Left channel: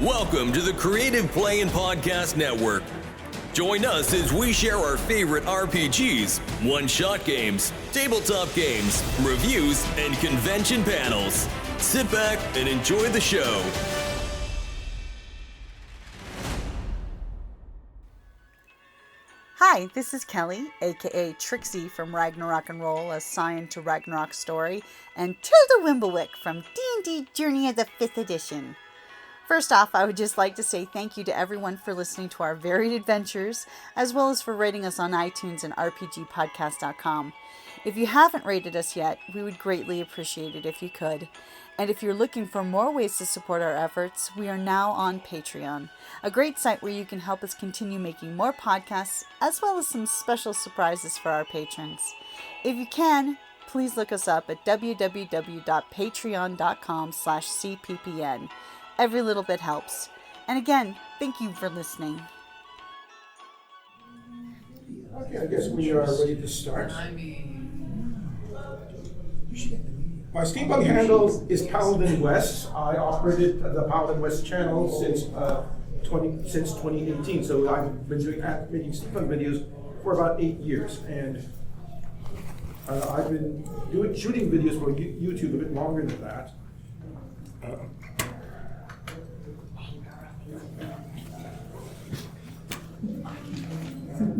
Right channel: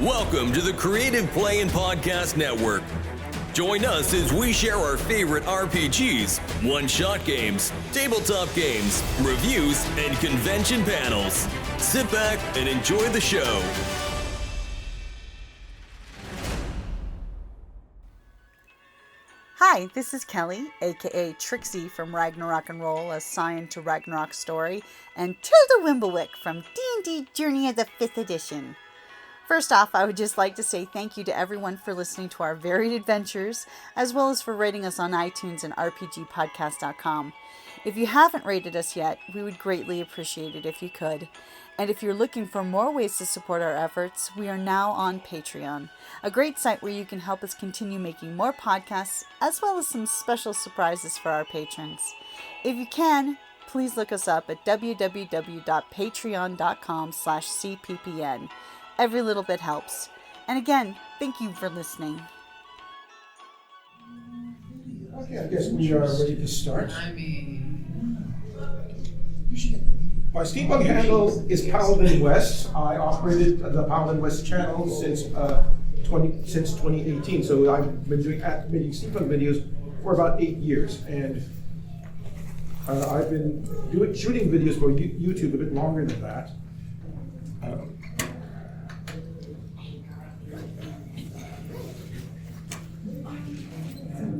Welcome to the Creative Play and Podcast Network. Join us as we share our favorite RPGs, one-shot games, tabletop games, reviews, and convention panels. Sit back and enjoy the show. Hi, this is Kelly, aka Trixie from Ragnarok and Roll, assigned to Ragnarok Story, and Tilda Wimblewick from D&D Journey of the 5th Edition. First off, I would just like to say thank you to everyone for listening to our varied adventures, as well as for rating us on iTunes and rpgpodcast.com. If you haven't rated us yet, we would greatly appreciate it if you could. And if you're looking for more ways to support our efforts, we are now on Patreon, a great site where you can help us continue making more podcasts, as well as some special surprises for our patrons. If you can, please look us up at www.patreon.com/cppn. Every little bit helps. And again, thank you for listening. Okay, I guess we are ready to start. My Steampunk handle is Paladin West. I operated the Paladin West channel since 2018. So I've been making Steampunk videos for about 8 years, and I've been shooting videos for YouTube a bit longer than that.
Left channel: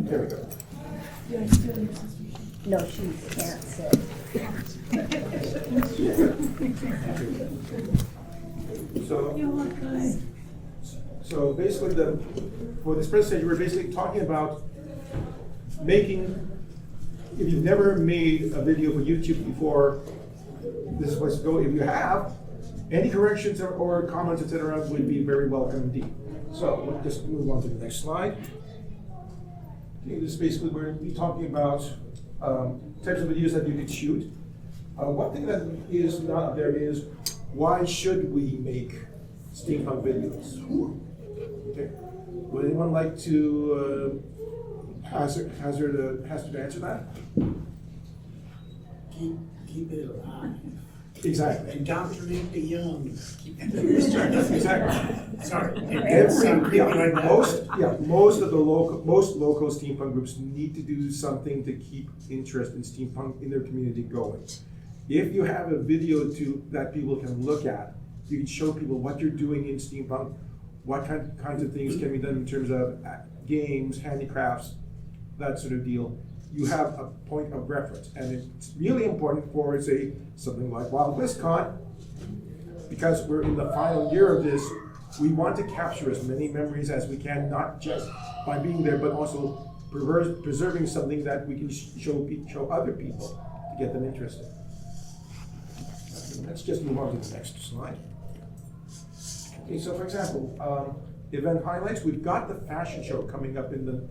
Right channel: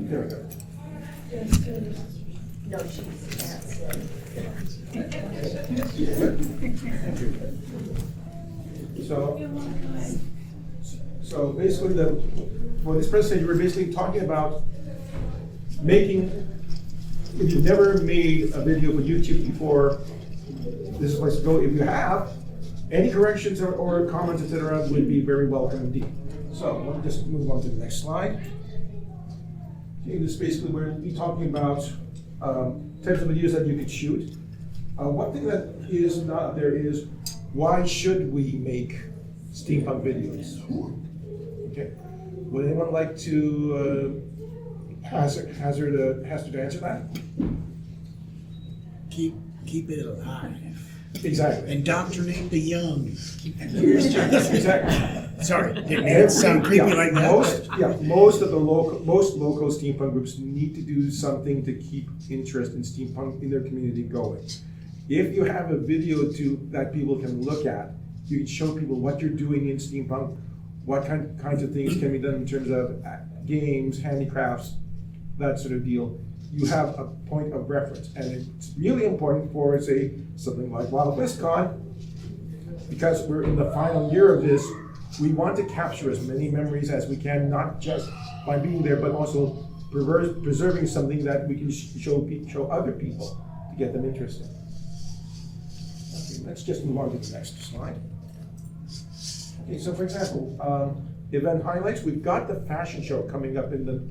There we go. No, she can't sit. So basically, for this presentation, we're basically talking about making. If you've never made a video for YouTube before, this is the place to go. If you have, any corrections or comments, etc., would be very welcome indeed. So we'll just move on to the next slide. Okay, this is basically where we'll be talking about types of videos that you could shoot. One thing that is not there is, why should we make steampunk videos? Okay, would anyone like to hazard to answer that? Keep it alive. Exactly. Indoctrinate the young. Exactly. Sorry, didn't sound creepy like that. Most local steampunk groups need to do something to keep interest in steampunk in their community going. If you have a video that people can look at, you can show people what you're doing in steampunk, what kinds of things can be done in terms of games, handicrafts, that sort of deal. You have a point of reference, and it's really important for, say, something like Wild West Con, because we're in the final year of this. We want to capture as many memories as we can, not just by being there, but also preserving something that we can show other people to get them interested. Okay, let's just move on to the next slide. Okay, so for example, event highlights. We've got the fashion show coming up in the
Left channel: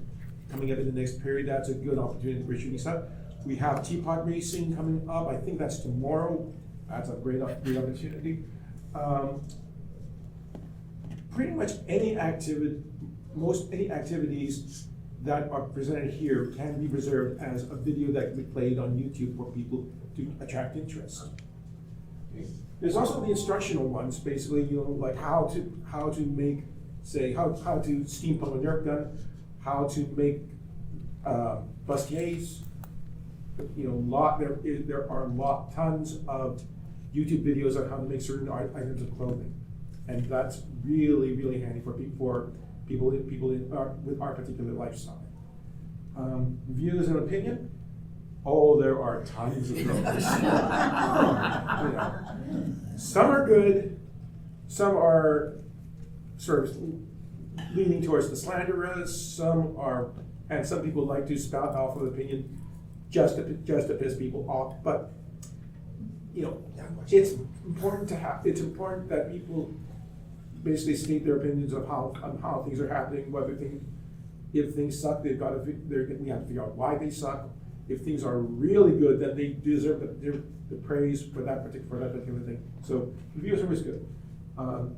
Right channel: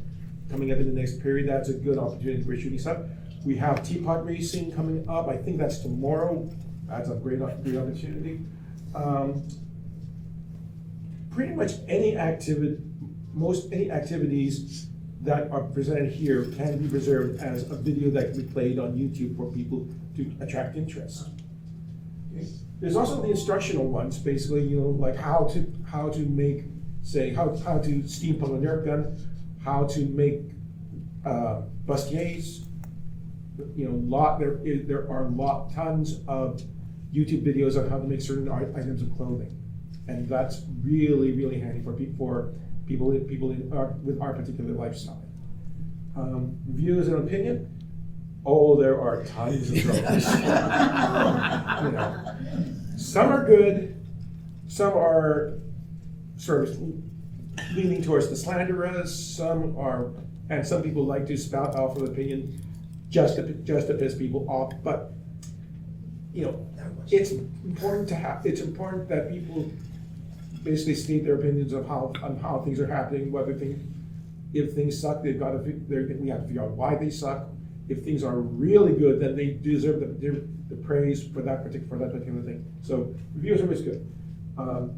next period. That's a good opportunity for shooting stuff. We have teapot racing coming up. I think that's tomorrow. That's a great opportunity. Pretty much any activities that are presented here can be preserved as a video that can be played on YouTube for people to attract interest. Okay. There's also the instructional ones, basically, like how to make, say, how to steampunk a Nerf gun, how to make bustiers. There are tons of YouTube videos on how to make certain items of clothing, and that's really, really handy for people with our particular lifestyle. Views and opinion. Oh, there are tons of those. Some are good, some are sort of leaning towards the slanderous. Some people like to spout off of opinion just to piss people off. But it's important that people basically state their opinions on how things are happening. If things suck, we have to figure out why they suck. If things are really good, then they deserve the praise for that particular thing. So reviews are always good.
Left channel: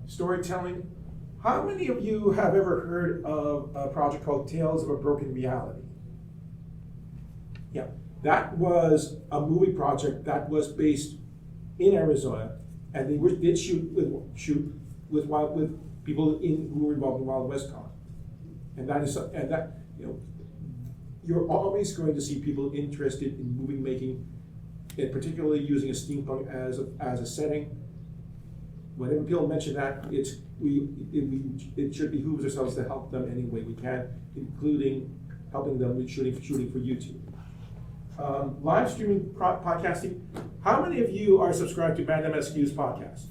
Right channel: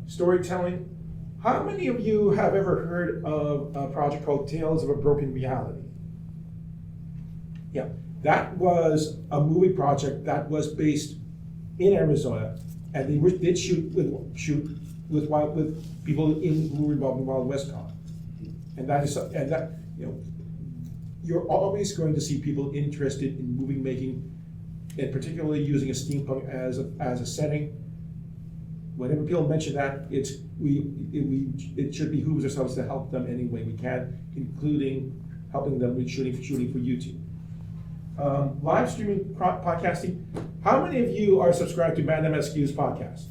Storytelling. How many of you have ever heard of a project called Tales of a Broken Reality? Yeah, that was a movie project that was based in Arizona, and they did shoot with people who were involved in Wild West Con. And that, you're always going to see people interested in movie making, and particularly using a steampunk as a setting. Whenever people mention that, it should behoove ourselves to help them any way we can, including helping them with shooting for YouTube. Live streaming podcasting. How many of you are subscribed to Band MSQ's podcast?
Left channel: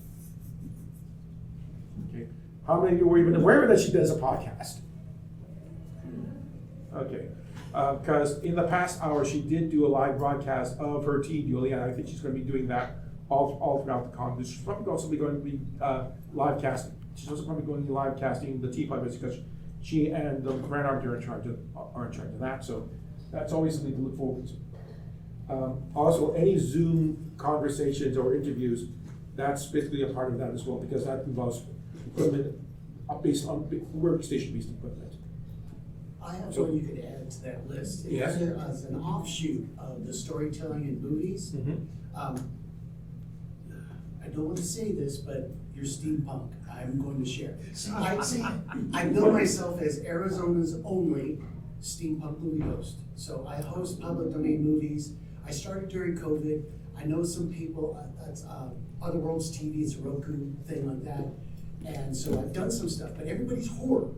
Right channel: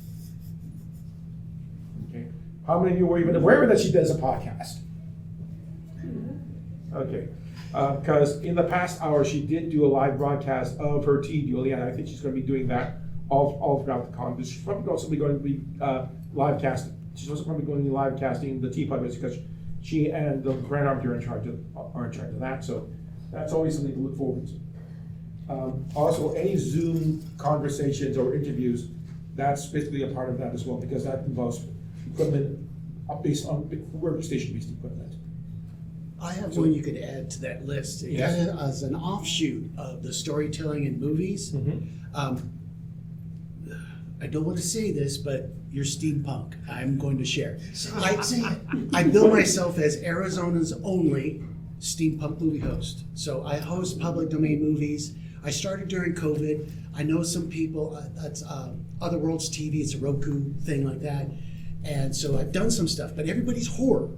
Okay. How many of you were even aware that she does a podcast? Okay. Because in the past hour, she did do a live broadcast of her tea duel, and I think she's going to be doing that all throughout the con. She's probably also going to be live casting. She's also probably going to be live casting the tea podcast because she and the Grand Army are in charge of that. So that's always something to look forward to. Also, any Zoom conversations or interviews, that's basically a part of that as well, because that involves equipment based on workstation-based equipment. I have one you could add to that list. Yes. Kind of as an offshoot of the storytelling in movies. I don't want to say this, but you're steampunk. I'm going to share. I bill myself as Arizona's only steampunk movie host. So I host public domain movies. I started during COVID. I know some people, that's Other Worlds TV, it's a Roku thing like that. And so I've done some stuff, but everybody's horror.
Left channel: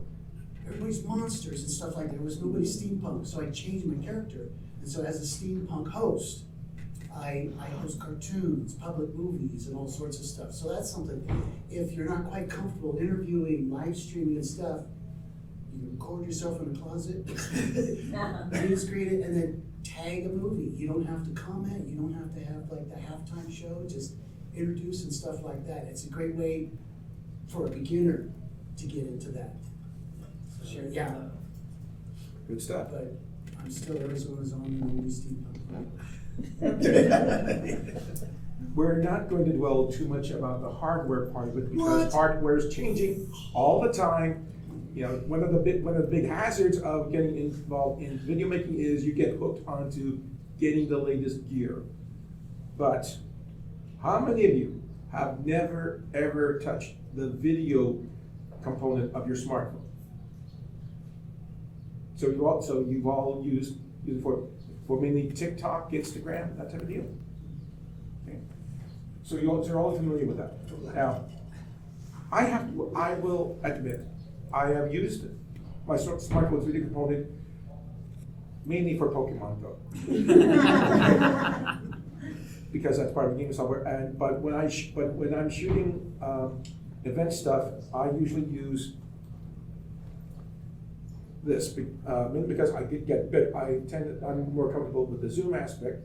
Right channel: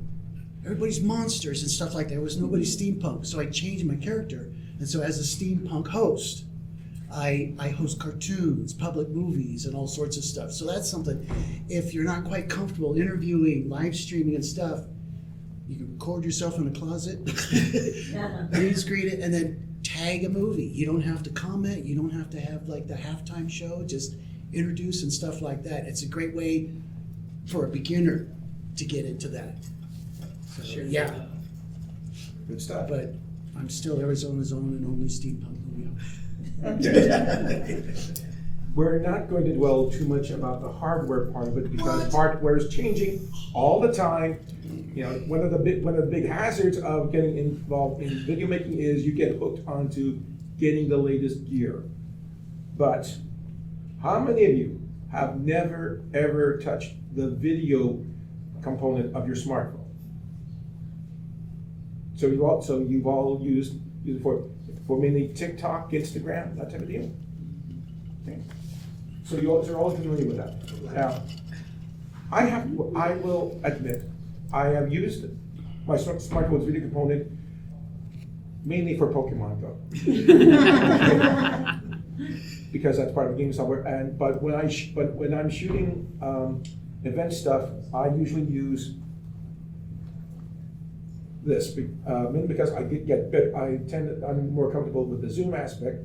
Everybody's monsters and stuff like that. There was nobody steampunk. So I changed my character. And so as a steampunk host, I host cartoons, public movies, and all sorts of stuff. So that's something, if you're not quite comfortable interviewing, live streaming and stuff, you can record yourself in a closet, green screen it, and then tag a movie. You don't have to comment. You don't have to have like the halftime show. Just introduce and stuff like that. It's a great way for a beginner to get into that. Sure. Yeah, Good stuff. but I'm still Arizona's own and only steampunk movie. Okay. We're not going to dwell too much about the hardware part of it because hardware is changing all the time. One of the big hazards of getting involved in video making is you get hooked onto getting the latest gear. But how many of you have never ever touched the video component of your smartphone? So you've all used it for mainly TikTok, Instagram, that type of deal. Okay. So you're all familiar with that. Now, I will admit, I have used my smartphone's video component mainly for Pokemon Go. Because that's part of the game software. But when I'm shooting event stuff, I usually use this mainly because I'm more comfortable with the zoom aspect.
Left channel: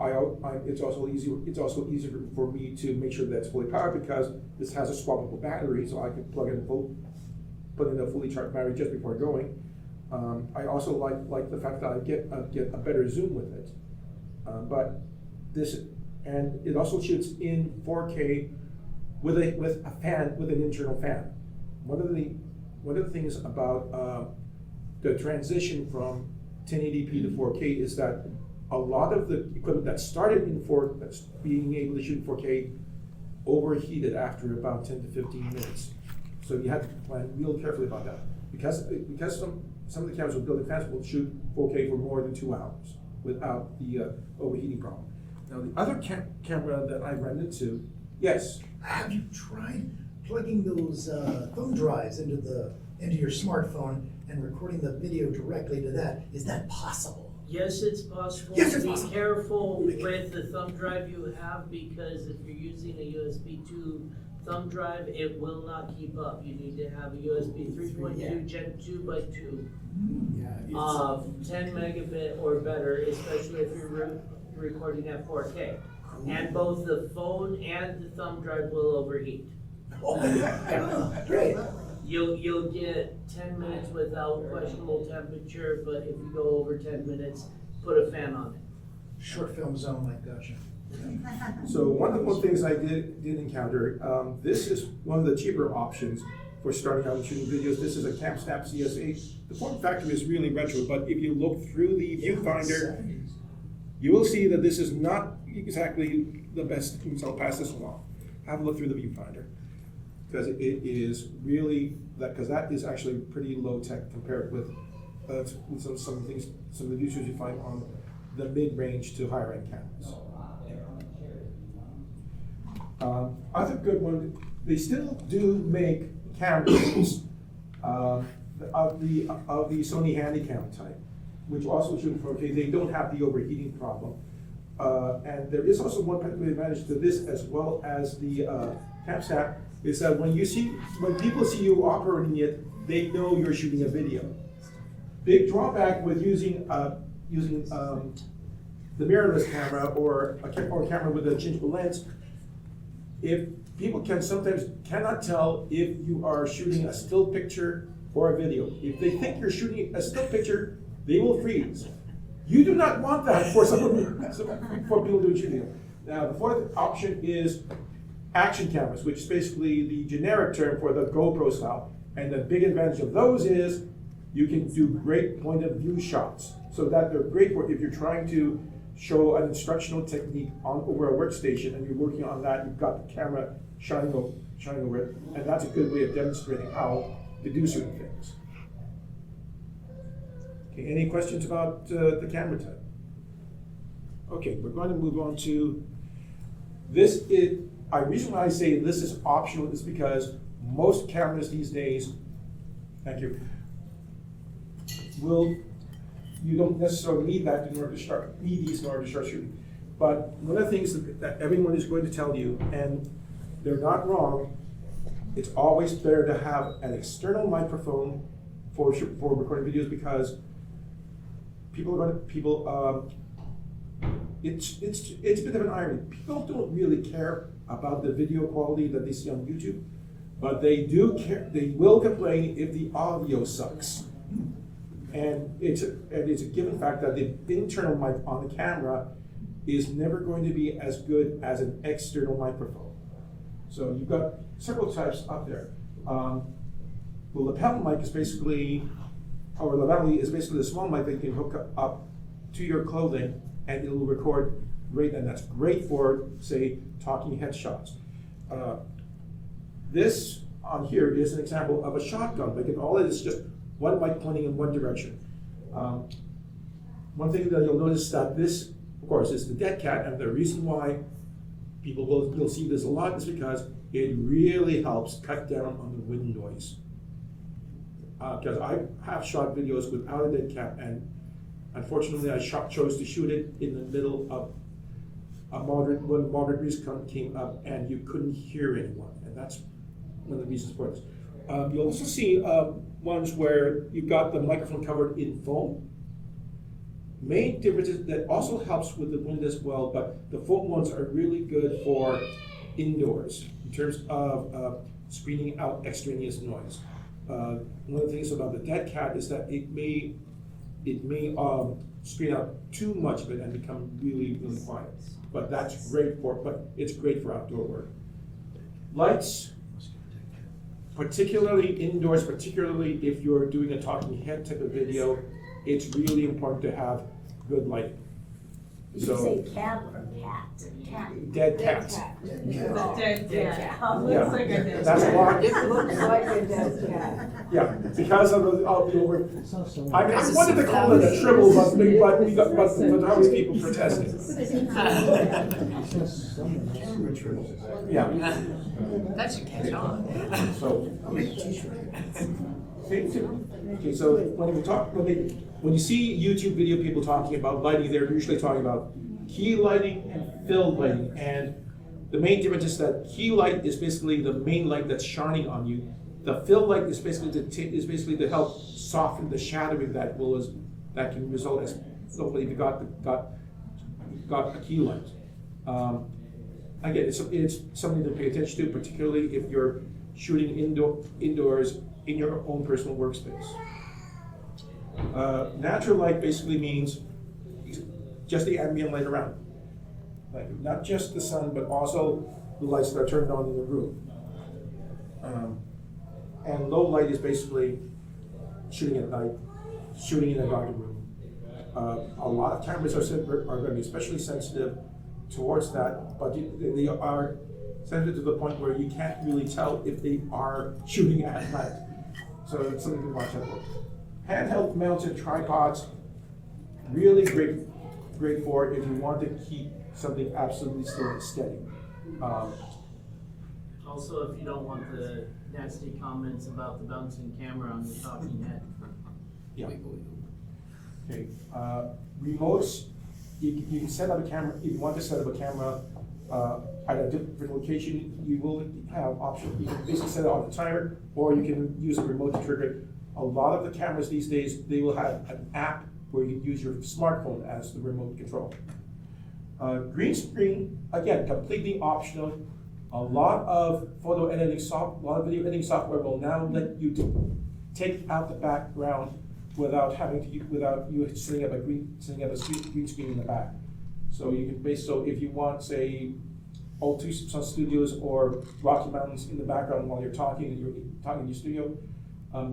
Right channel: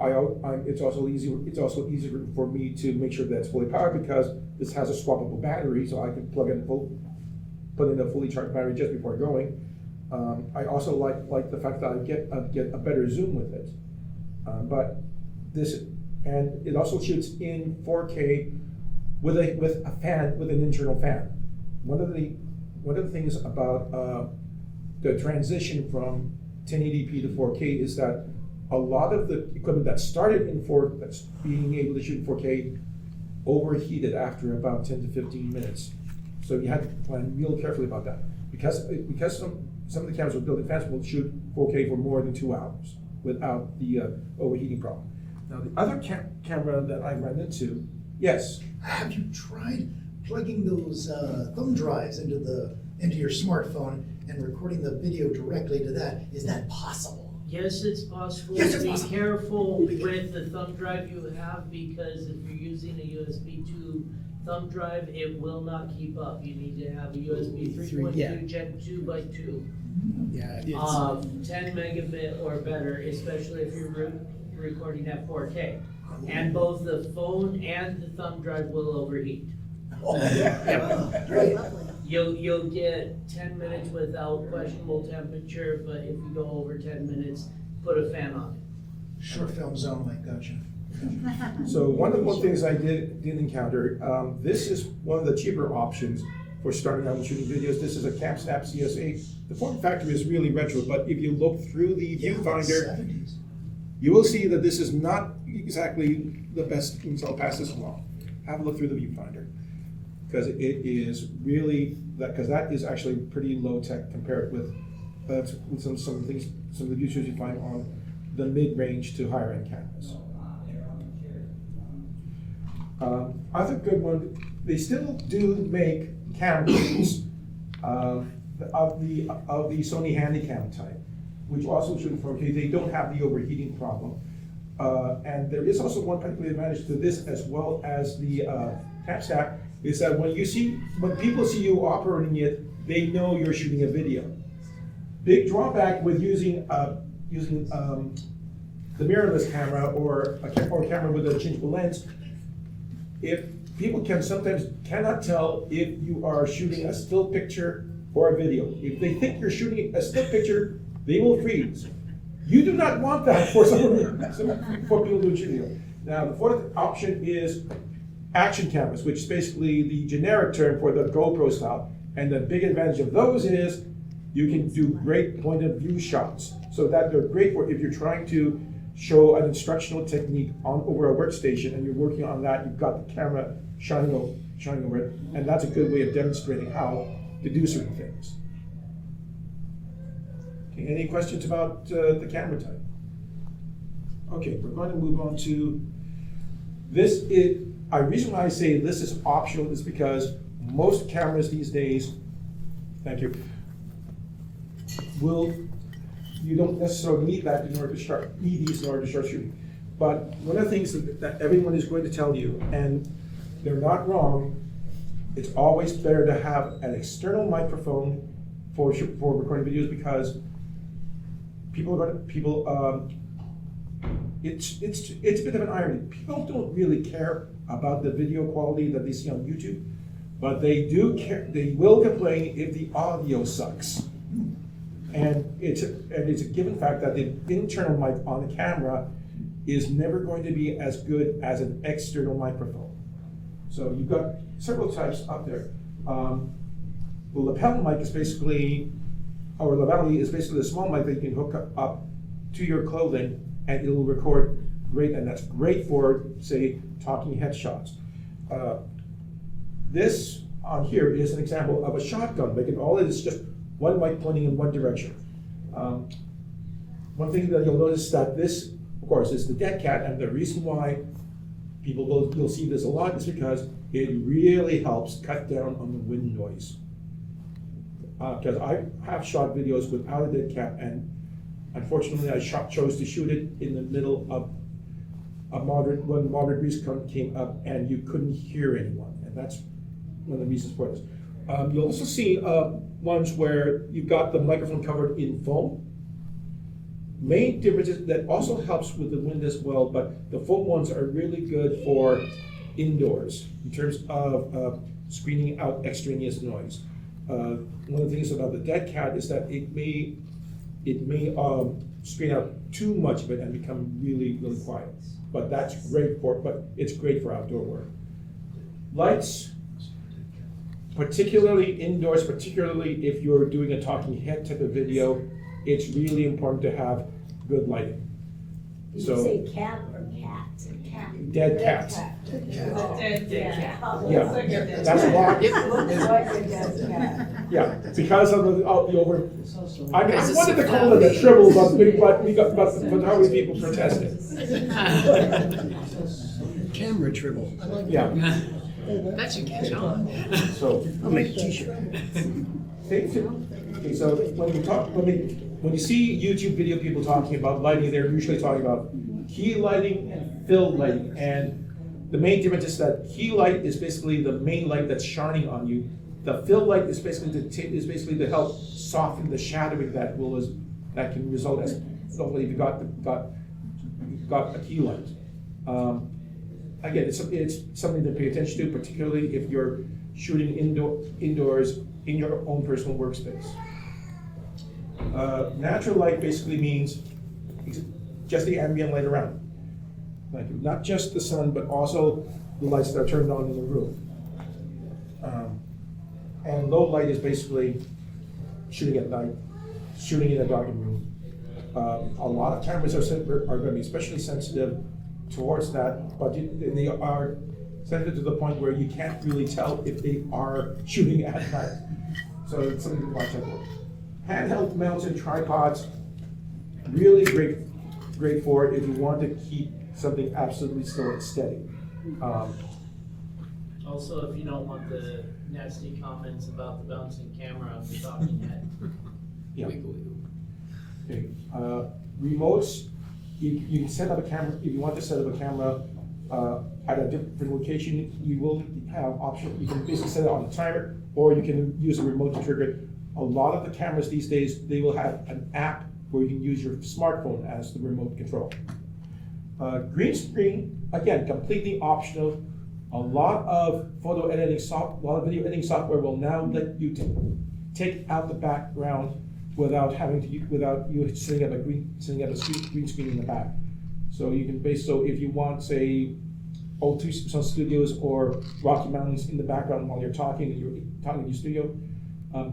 It's also easier for me to make sure that it's fully powered because this has a swappable battery, so I can put in a fully charged battery just before going. I also like the fact that I get a better zoom with it. And it also shoots in 4K with an internal fan. One of the things about the transition from 1080p to 4K is that a lot of the equipment that started that's being able to shoot in 4K overheated after about 10 to 15 minutes. So you have to plan real carefully about that. Because some of the cameras with built-in fans will shoot 4K for more than 2 hours without the overheating problem. Now the other camera that I ran into, yes. Have you tried plugging those thumb drives into your smartphone and recording the video directly to that? Is that possible? Yes, it's possible. Yes, it's Be possible. careful with the thumb drive you have because if you're using a USB 2 thumb drive, it will not keep up. You need to have a USB 3.2 Yeah. Gen 2x2. Yeah, 10 megabit or better, especially if you're recording at 4K. And both the phone and the thumb drive will overheat. Oh, yeah. Great. You'll get 10 minutes without questionable temperature, but if you go over 10 minutes, put a fan on it. Short film zone, I gotcha. So one of the things I did encounter, this is one of the cheaper options for starting out and shooting videos. This is a CamSnap CS8. The form factor is really retro, but if you look through the viewfinder, 70s. you will see that this is not exactly the best, so I'll pass this along. Have a look through the viewfinder. because it is really because that is actually pretty low tech compared with some things, some of the features you find on the mid-range to higher end cameras. Other good one, they still do make cameras of the Sony Handycam type, which also shoot in 4K. They don't have the overheating problem, and there is also one particular advantage to this as well as the CamStack is that when people see you operating it, they know you're shooting a video. Big drawback with using the mirrorless camera or a camera with a changeable lens, if people sometimes cannot tell if you are shooting a still picture or a video. If they think you're shooting a still picture, they will freeze. You do not want that for for people doing video. Now, the fourth option is action cameras, which is basically the generic term for the GoPro style. And the big advantage of those is you can do great point of view shots. So that they're great for if you're trying to show an instructional technique over a workstation and you're working on that, you've got the camera shining over it, and that's a good way of demonstrating how to do certain things. Okay, any questions about the camera type? Okay, we're going to move on to this. The reason why I say this is optional is because most cameras these days, thank you, you don't necessarily need that in order to start shooting. But one of the things that everyone is going to tell you, and they're not wrong, it's always better to have an external microphone for recording videos because it's a bit of an irony. People don't really care about the video quality that they see on YouTube, but they do care. They will complain if the audio sucks. And it's a given fact that the internal mic on the camera is never going to be as good as an external microphone. So you've got several types up there. The lapel mic is basically, or lavalier is basically a small mic that you can hook up to your clothing and it'll record great, and that's great for, say, talking headshots. This on here is an example of a shotgun. All it is just one mic pointing in one direction. One thing that you'll notice that this, of course, is the dead cat, and the reason why you'll see this a lot is because it really helps cut down on the wind noise. Because I have shot videos without a dead cat, and unfortunately I chose to shoot it in the middle of when moderate breeze came up and you couldn't hear anyone, and that's one of the reasons for this. You'll also see ones where you've got the microphone covered in foam. Main difference is that also helps with the wind as well, but the foam ones are really good for indoors in terms of screening out extraneous noise. One of the things about the dead cat is that it may screen out too much of it and become really, really quiet. But it's great for outdoor work. Lights, particularly indoors, particularly if you're doing a talking head type of video, it's really important to have good lighting. Did you say cat or cat? Cat. Dead cats. Dead cat. Yeah, that's a lot. It looks like a dead cat. Yeah, because of the over. I wanted to call it a shrivel, but photography people protested. Camera tribble. Yeah. That should catch on. So I'll make a t-shirt. Okay, so when you see YouTube video people talking about lighting, they're usually talking about key lighting and fill lighting, and the main difference is that key light is basically the main light that's shining on you. The fill light is basically to help soften the shadowing that can result as if you got a key light. Again, it's something to pay attention to, particularly if you're shooting indoors in your own personal workspace. Natural light basically means just the ambient light around. Not just the sun, but also the lights that are turned on in the room. And low light is basically shooting at night, shooting in a darkened room. A lot of cameras are going to be especially sensitive towards that, but sensitive to the point where you can't really tell if they are shooting at night. So it's something to watch out for. Handheld mounted tripods, really great for it if you want to keep something absolutely still and steady. Also, if you don't want the nasty comments about the bouncing camera on the talking head. Yeah. Okay. Remotes, you can set up a camera, if you want to set up a camera at a different location, you will have options. You can basically set it on a timer, or you can use a remote to trigger it. A lot of the cameras these days, they will have an app where you can use your smartphone as the remote control. Green screen, again, completely optional. A lot of video editing software will now let you take out the background without you setting up a green screen in the back. So you can so if you want, say, old Tucson Studios or Rocky Mountains in the background while you're talking in your studio,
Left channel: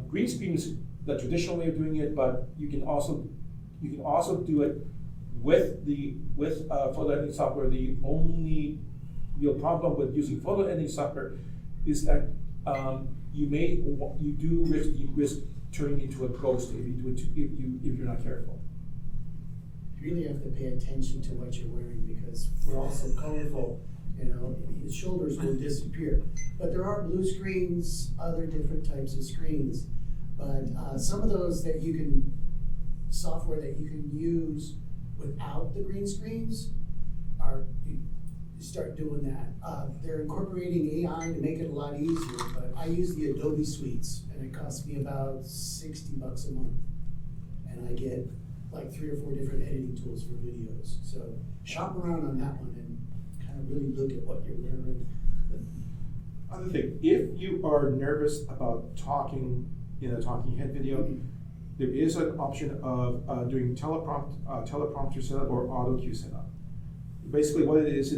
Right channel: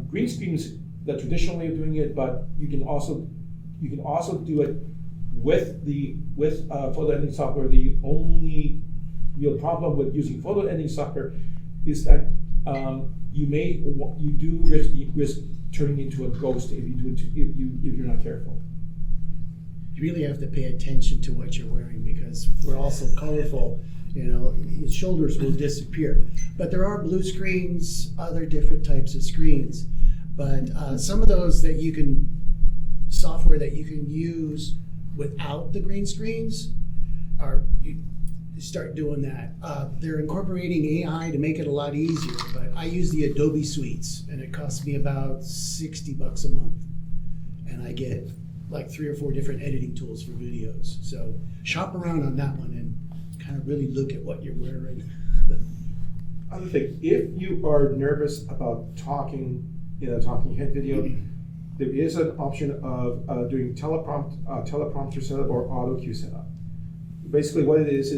green screen is the traditional way of doing it, but you can also do it with photo editing software. The only real problem with using photo editing software is that you do risk turning into a ghost if you're not careful. You really have to pay attention to what you're wearing because we're all so colorful. His shoulders will disappear. But there are blue screens, other different types of screens. But some of those software that you can use without the green screens you start doing that. They're incorporating AI to make it a lot easier, but I use the Adobe suites and it costs me about $60 a month. And I get like 3 or 4 different editing tools for videos. So shop around on that one and kind of really look at what you're wearing. Other thing, if you are nervous about talking in a talking head video, there is an option of doing teleprompter setup or auto cue setup. Basically what it is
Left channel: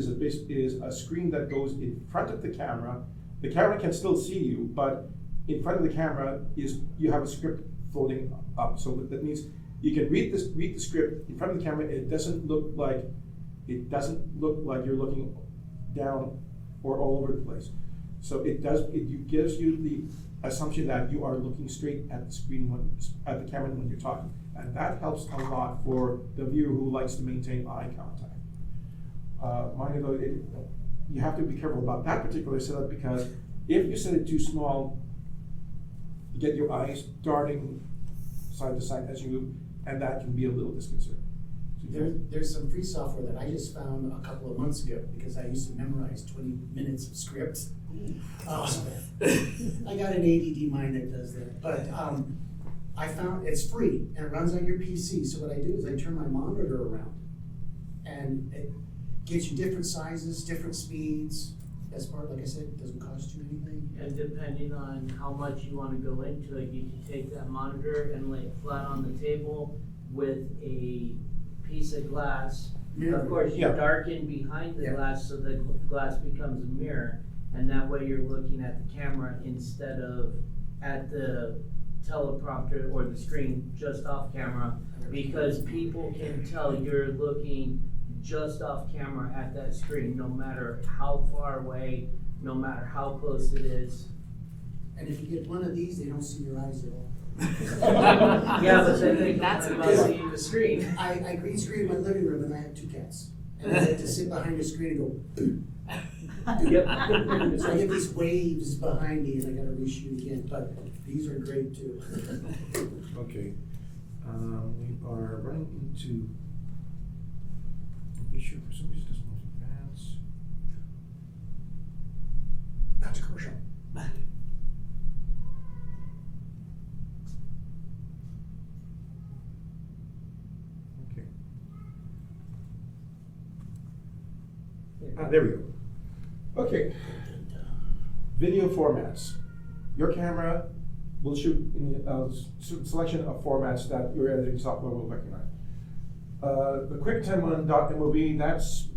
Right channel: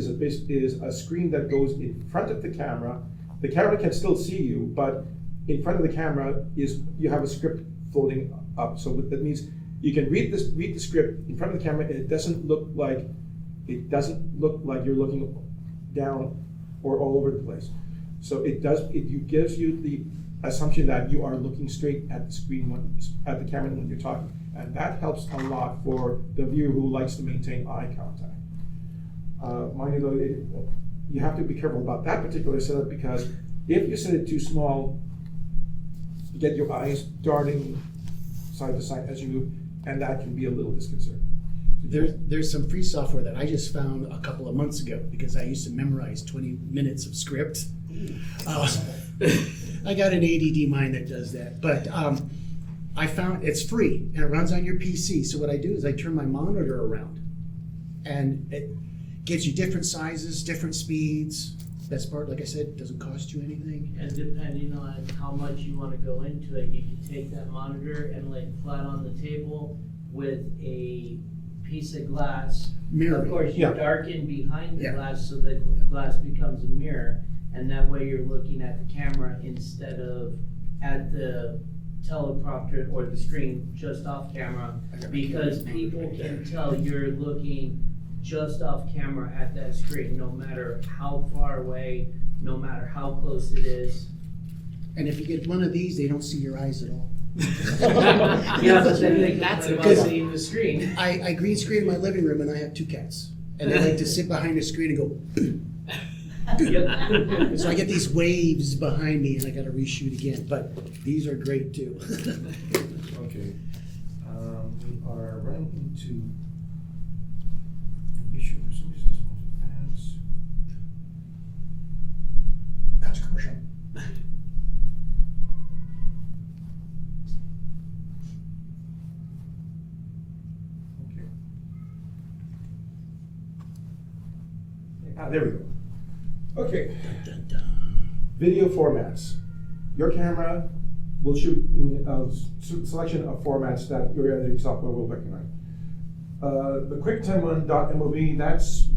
a screen that goes in front of the camera. The camera can still see you, but in front of the camera you have a script floating up. So that means you can read the script in front of the camera, and it doesn't look like you're looking down or all over the place. So it gives you the assumption that you are looking straight at the screen at the camera when you're talking, and that helps a lot for the viewer who likes to maintain eye contact. Mind you though, you have to be careful about that particular setup because if you set it too small, you get your eyes darting side to side as you move, and that can be a little disconcerting. There's some free software that I just found a couple of months ago because I used to memorize 20 minutes of script. I got an ADD mind that does that, but I found it's free and it runs on your PC. So what I do is I turn my monitor around and it gives you different sizes, different speeds. Best part, like I said, doesn't cost you anything. And depending on how much you want to go into it, you can take that monitor and lay it flat on the table with a piece of glass. Mirror. Of course, you darken behind the glass so the glass becomes a mirror, and that way you're looking at the camera instead of at the teleprompter or the screen just off camera, because people can tell you're looking just off camera at that screen, no matter how far away, no matter how close it is. And if you get one of these, they don't see your eyes at all. Yeah, but then they that's about seeing the screen. I green screen in my living room and I have 2 cats. And they like to sit behind the screen and go, Yep. so I get these waves behind me and I gotta reshoot again, but these are great too. Okay, we are running into an issue for some reason. This one's advanced. Cut to commercial. Okay. There we go. Okay. Video formats. Your camera will shoot in a selection of formats that your editing software will recognize. The QuickTime one .mov, that's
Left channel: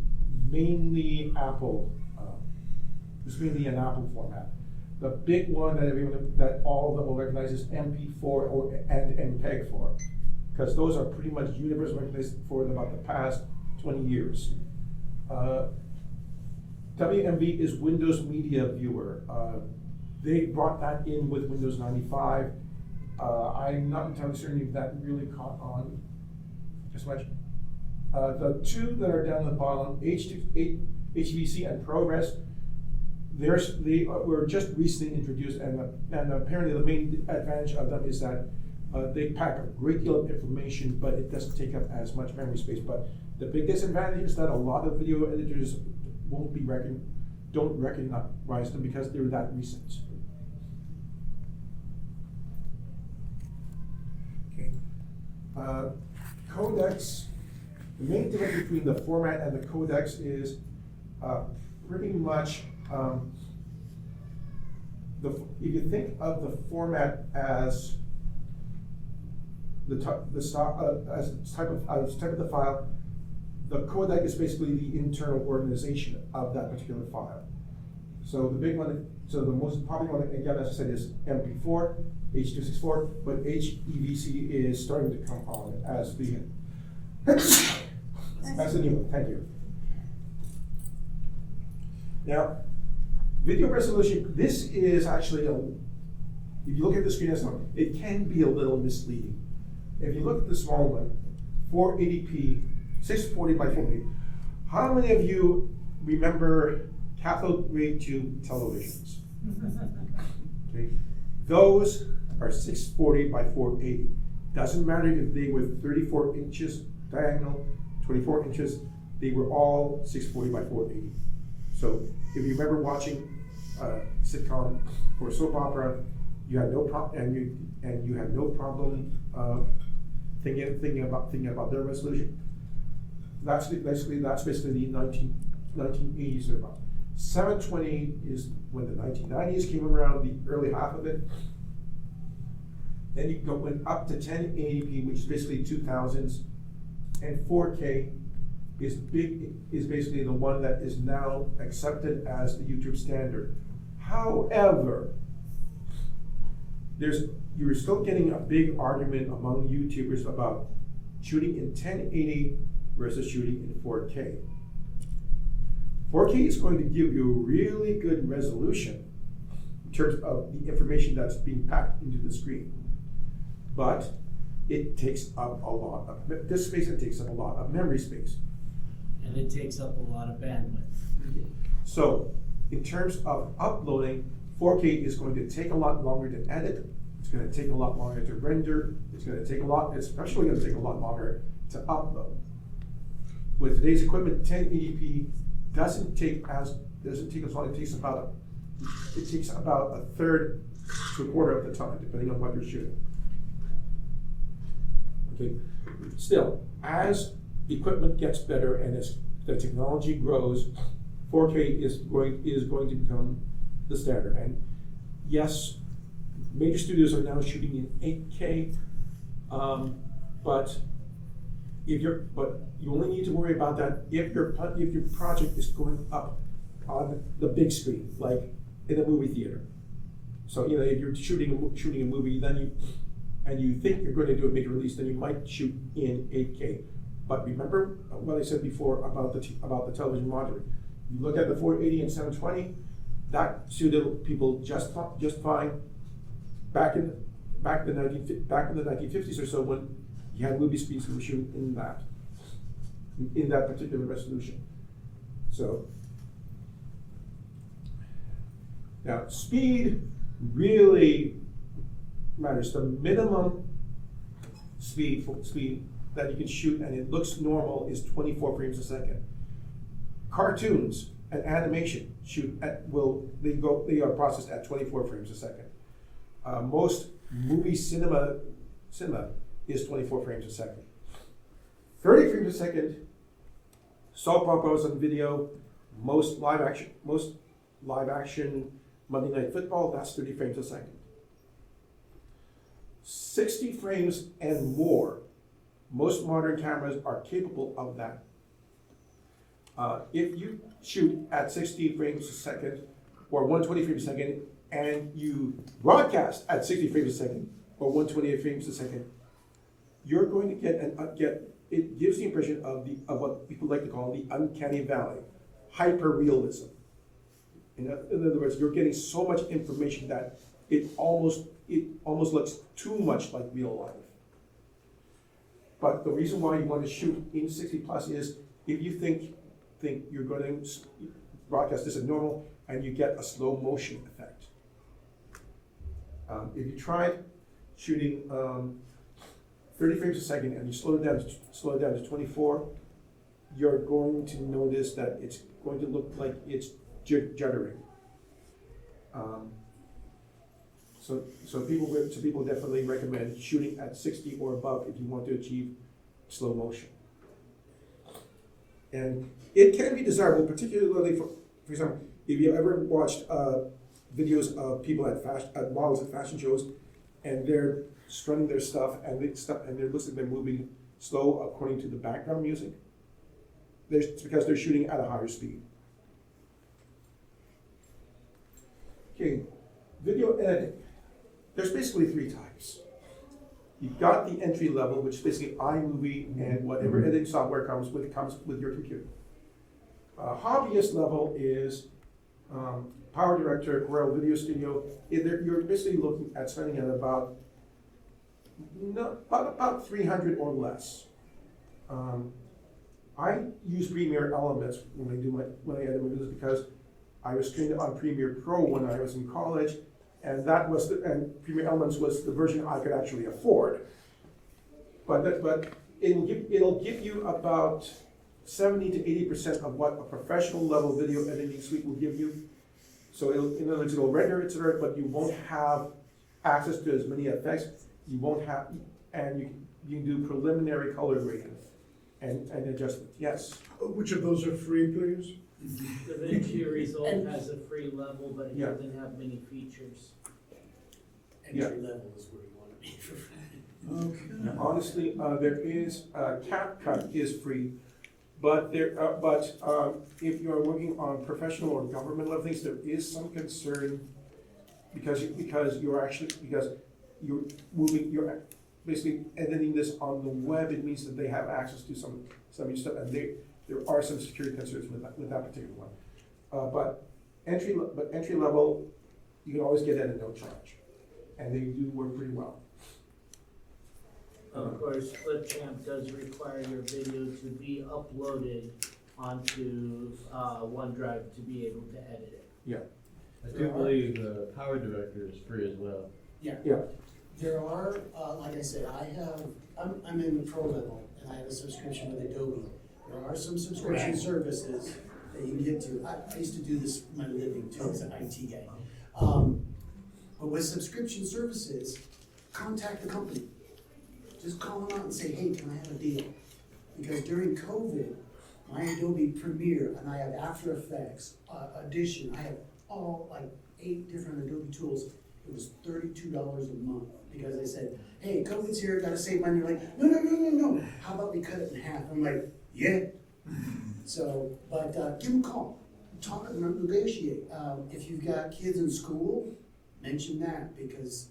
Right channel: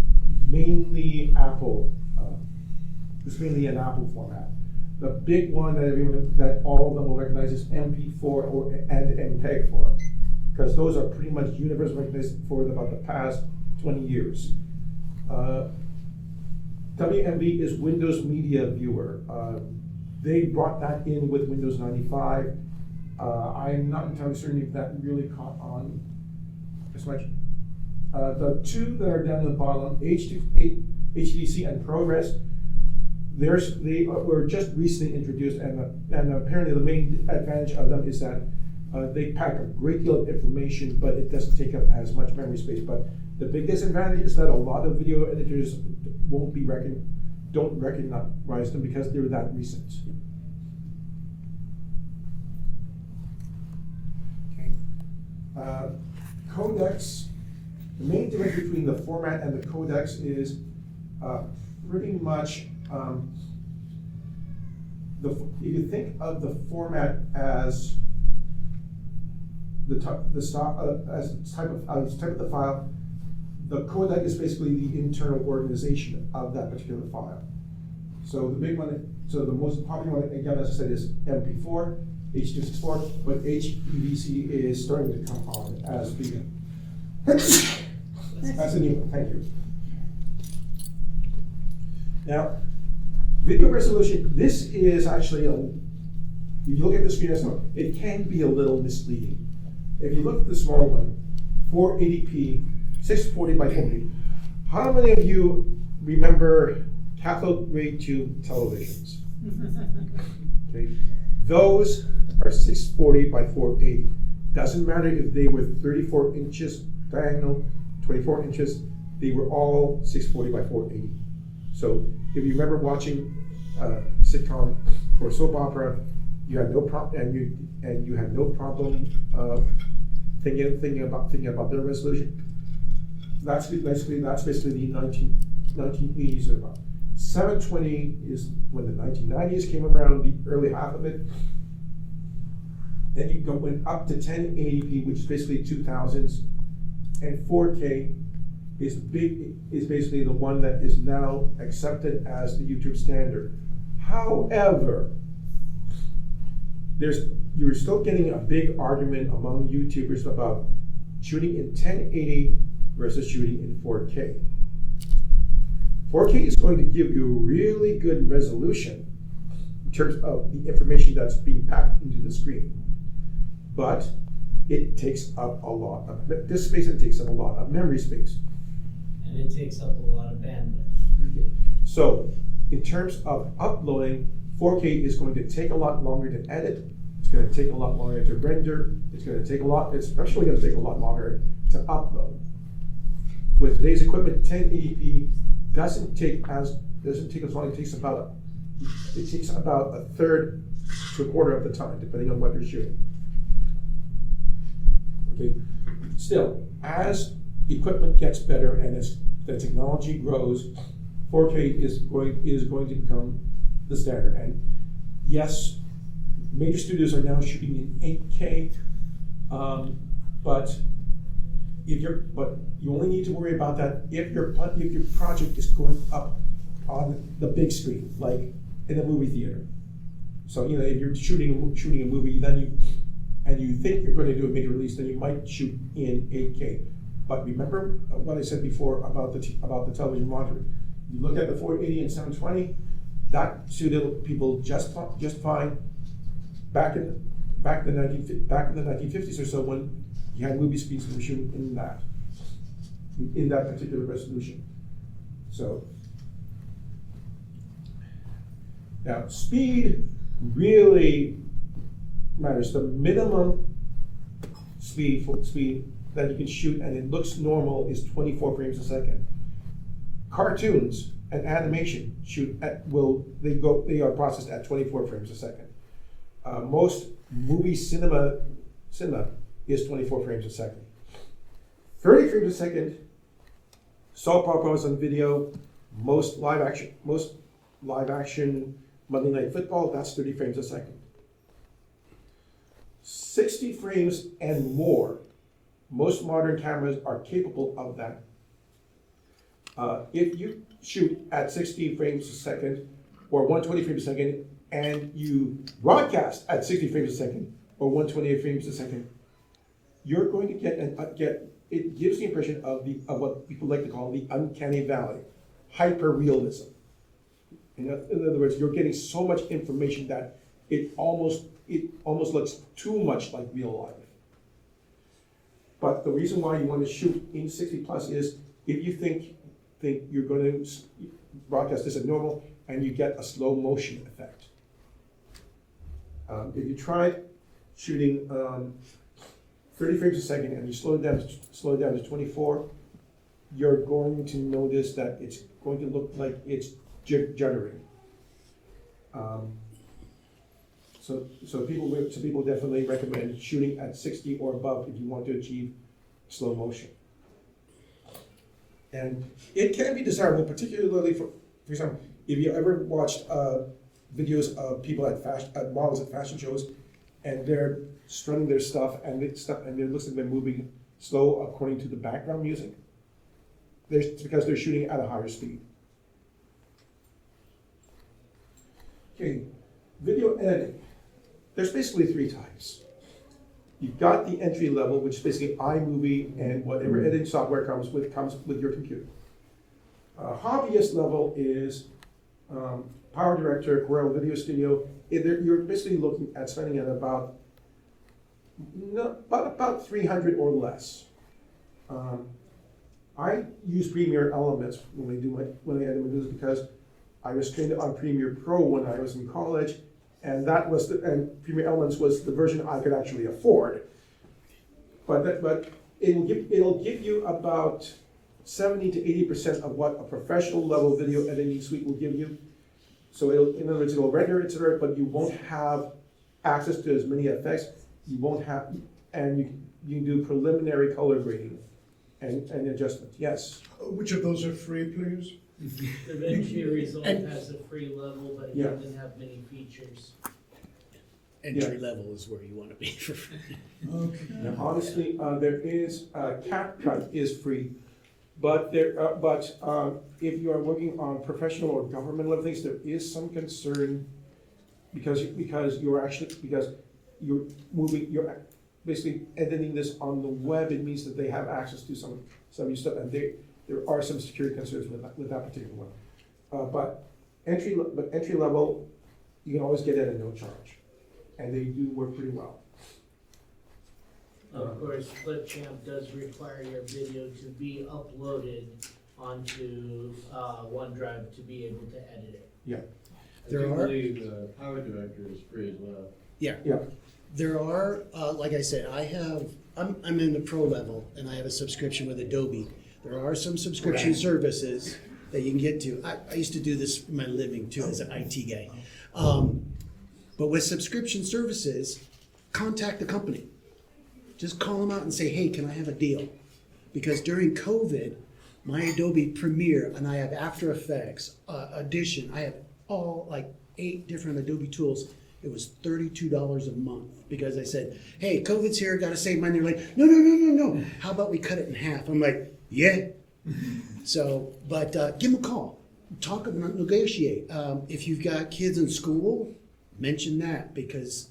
mainly Apple. It's mainly an Apple format. The big one that all of them will recognize is MP4 and MPEG-4, because those are pretty much universally recognized for about the past 20 years. WMV is Windows Media Viewer. They brought that in with Windows 95. I'm not entirely certain if that really caught on as much. The two that are down the bottom, HVC and Progress, they were just recently introduced, and apparently the main advantage of them is that they pack a great deal of information, but it doesn't take up as much memory space. But the big disadvantage is that a lot of video editors don't recognize them because they're that recent. Okay. Codecs. The main difference between the format and the codecs is pretty much if you think of the format as the type of the file, the codec is basically the internal organization of that particular file. So the big one, so the most popular one, again, as I said, is MP4, H.264, but HEVC is starting to come on as the that's the new one. Thank you. Now, video resolution. This is actually if you look at the screen, it can be a little misleading. If you look at the small one, 480p, 640 by 480. How many of you remember cathode ray tube televisions? Okay, those are 640 by 480. Doesn't matter if they were 34 inches diagonal, 24 inches. They were all 640 by 480. So if you remember watching a sitcom or soap opera, you had no problem, and you had no problem thinking about their resolution. That's basically the 1980s or about. 720 is when the 1990s came around, the early half of it. Then you went up to 1080p, which is basically 2000s, and 4K is basically the one that is now accepted as the YouTube standard. However, you're still getting a big argument among YouTubers about shooting in 1080 versus shooting in 4K. 4K is going to give you really good resolution in terms of the information that's being packed into the screen. But it takes up a lot of disk space, and takes up a lot of memory space. And it takes up a lot of bandwidth. Okay. So, in terms of uploading, 4K is going to take a lot longer to edit. It's going to take a lot longer to render. It's especially going to take a lot longer to upload. With today's equipment, 1080p doesn't take as long. It takes about a third to a quarter of the time, depending on what you're shooting. Okay. Still, as equipment gets better and as the technology grows, 4K is going to become the standard. And yes, major studios are now shooting in 8K, but you only need to worry about that if your project is going up on the big screen, like in a movie theater. So if you're shooting a movie, then you think you're going to do a major release, then you might shoot in 8K. But remember what I said before about the television monitoring. You look at the 480 and 720, that suited people just fine back in the 1950s or so, when you had movie screens that were shooting in that particular resolution. So now speed really matters. The minimum speed that you can shoot and it looks normal is 24 frames a second. Cartoons and animation they are processed at 24 frames a second. Most movie cinema is 24 frames a second. 30 frames a second, soap operas on video, most live action Monday Night Football, that's 30 frames a second. 60 frames and more, most modern cameras are capable of that. If you shoot at 60 frames a second or 120 frames a second and you broadcast at 60 frames a second or 128 frames a second, you're going to get it gives the impression of what people like to call the uncanny valley, hyper realism. In other words, you're getting so much information that it almost looks too much like real life. But the reason why you want to shoot in 60 plus is if you think you're going to broadcast this at normal and you get a slow motion effect. If you tried shooting 30 frames a second and you slow it down to 24, you're going to notice that it's going to look like it's juddering. So people definitely recommend shooting at 60 or above if you want to achieve slow motion. And it can be desirable, particularly for example, if you ever watched videos of people at models at fashion shows, and they're strutting their stuff, and it looks like they're moving slow according to the background music. It's because they're shooting at a higher speed. Okay, video editing. There's basically three types. You've got the entry level, which is basically iMovie and whatever editing software comes with your computer. Hobbyist level is Power Director, Corel Video Studio. You're basically looking at spending at about 300 or less. I use Premiere Elements when I edit my videos because I was trained on Premiere Pro when I was in college, and Premiere Elements was the version I could actually afford. But it'll give you about 70 to 80% of what a professional level video editing suite will give you. So in other words, it'll render it, but you won't have access to as many effects. You won't have, and you can do preliminary color grading and adjustment. Yes. Which of those are free, please? The DaVinci Resolve has a free level, but it doesn't have many features. Entry level is where you want to be for free. Okay. Now, honestly, there is CapCut is free, but if you are working on professional or government level things, there is some concern because you're basically editing this on the web. It means that they have access to some of your stuff, and there are some security concerns with that particular one. But entry level, you can always get it at no charge, and they do work pretty well. Of course, Clipchamp does require your video to be uploaded onto OneDrive to be able to edit it. Yeah. I do believe Power Director is free as well. Yeah. Yeah. There are, like I said, I'm in the pro level, and I have a subscription with Adobe. There are some subscription services that you can get to. I used to do this for my living too as an IT guy. But with subscription services, contact the company. Just call them out and say, hey, can I have a deal? Because during COVID, my Adobe Premiere, and I have After Effects, Audition, I have all like 8 different Adobe tools. It was $32 a month because I said, hey, COVID's here, gotta save money. They're like, no. How about we cut it in half? I'm like, yeah. So, but give them a call. Talk about negotiate. If you've got kids in school, mention that because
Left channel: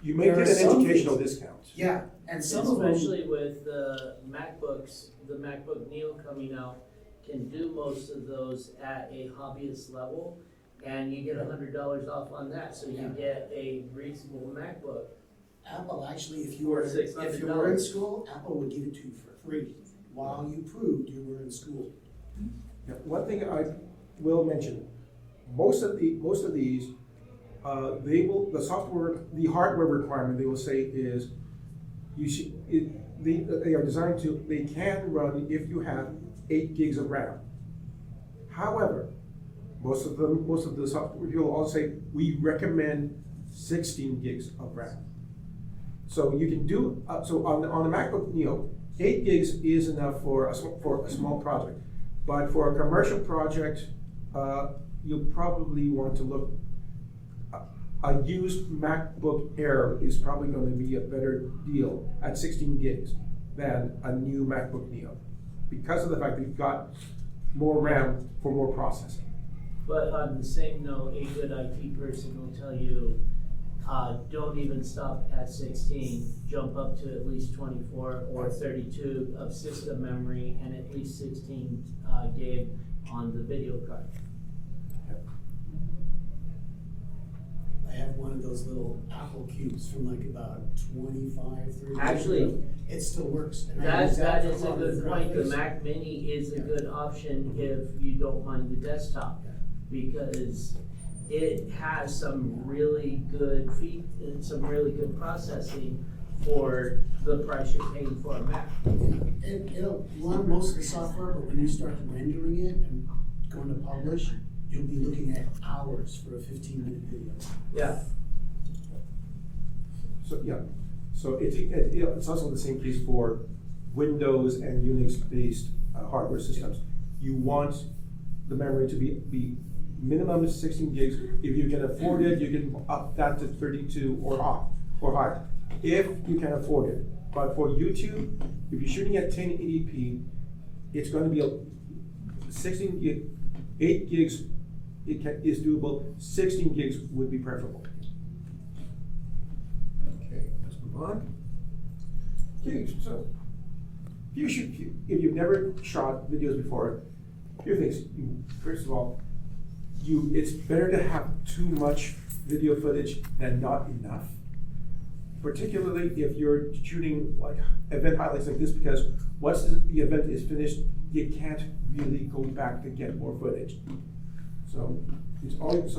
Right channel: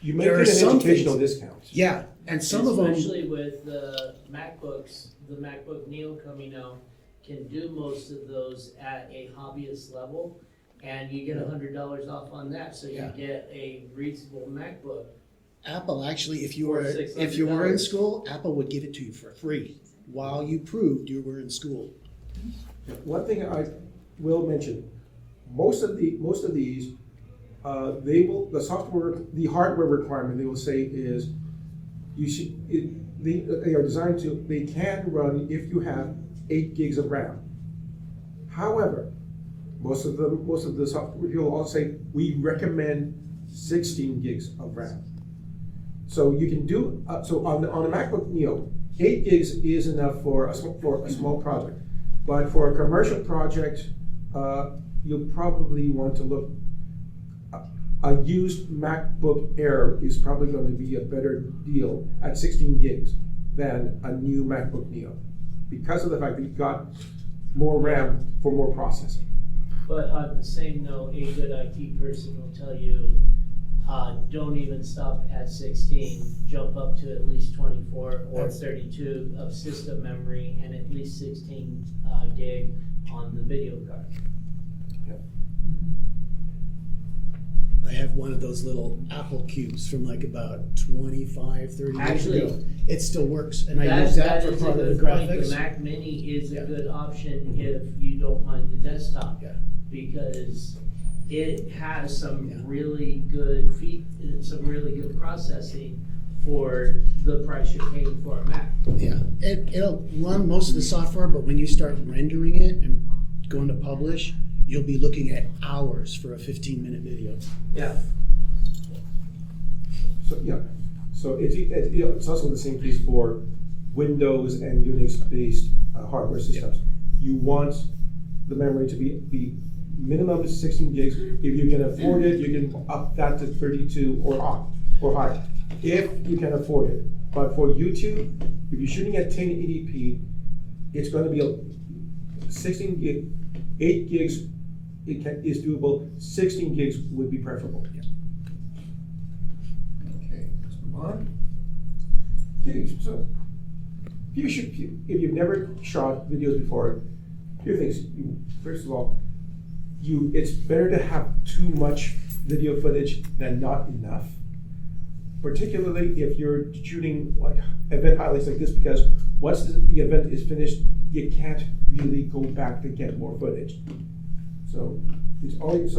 you may get an educational discount. Yeah, and some of them, especially with the MacBooks, the MacBook Neo coming out, can do most of those at a hobbyist level, and you get $100 off on that, so you get a reasonable MacBook. Apple actually, if you Or were $600. in school, Apple would give it to you for free while you proved you were in school. Yeah, one thing I will mention, most of these, the hardware requirement they will say is they are designed to, they can run if you have 8 gigs of RAM. However, most of the software people will also say we recommend 16 gigs of RAM. So you can do so on a MacBook Neo, 8 gigs is enough for a small project, but for a commercial project, you'll probably want to look. A used MacBook Air is probably going to be a better deal at 16 gigs than a new MacBook Neo, because of the fact that you've got more RAM for more processing. But on the same note, a good IT person will tell you, don't even stop at 16, jump up to at least 24 or 32 of system memory and at least 16 gig on the video card. Yep. I have one of those little Apple cubes from like about 25, 30 years Actually, ago. It still works, and I use that That for is a part of the good point. The graphics. Mac Mini is a Yeah. good option if you don't mind the desktop. Yeah. Because it has some Yeah. really good some really good processing for the price you're paying for a Mac. Yeah, it'll run most of the software, but when you start rendering it and going to publish, you'll be looking at hours for a 15-minute video. Yeah. So, yeah, so it's also the same case for Windows and Unix-based hardware systems. You want the memory to be minimum 16 gigs. If you can afford it, you can up that to 32 or higher, if you can afford it. But for YouTube, if you're shooting at 1080p, it's going to be a 16 gig, 8 gigs is doable. 16 gigs would be preferable. Okay, let's move on. Okay, so if you've never shot videos before, few things. First of all, it's better to have too much video footage than not enough. Particularly if you're shooting like event highlights like this, because once the event is finished, you can't really go back to get more footage. So it's always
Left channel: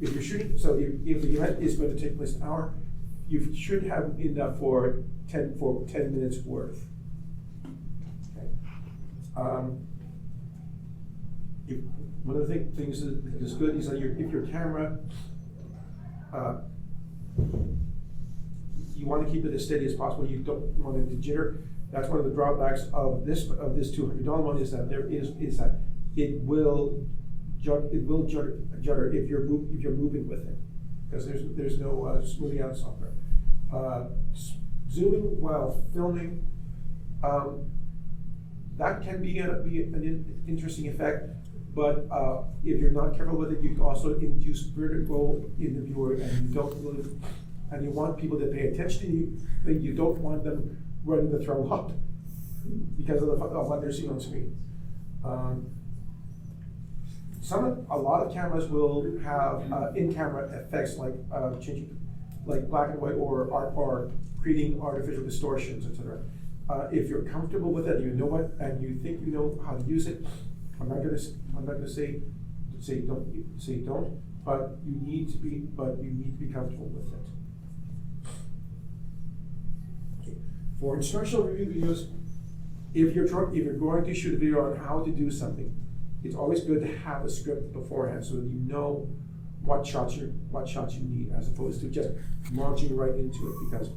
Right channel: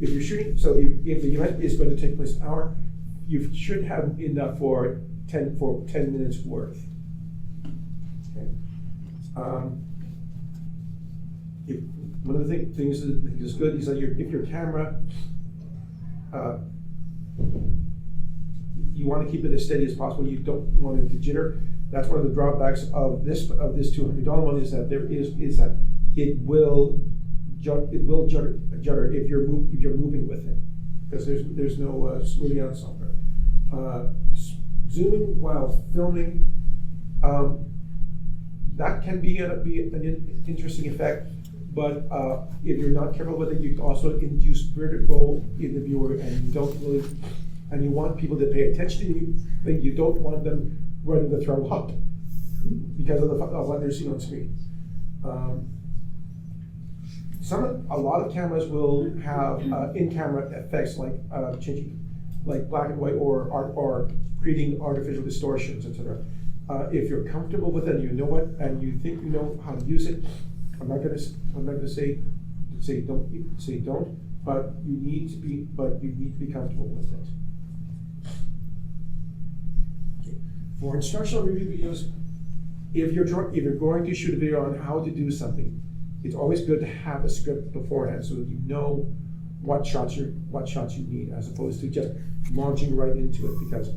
if you're shooting. So if the event is going to take place an hour, you should have enough for 10 minutes worth. Okay. One of the things that is good is that if your camera, you want to keep it as steady as possible. You don't want it to jitter. That's one of the drawbacks of this $200 one is that it will judder if you're moving with it, because there's no smoothing out software. Zooming while filming, that can be an interesting effect. But if you're not careful with it, you can also induce vertigo in the viewer, and you want people to pay attention to you, but you don't want them ready to throw up because of what they're seeing on screen. A lot of cameras will have in-camera effects like changing, like black and white, or creating artificial distortions, etc. If you're comfortable with it, you know what, and you think you know how to use it. I'm not going to say don't, but you need to be comfortable with it. Okay. For instructional review videos, if you're going to shoot a video on how to do something, it's always good to have a script beforehand so that you know what shots you need, as opposed to just launching right into it. Because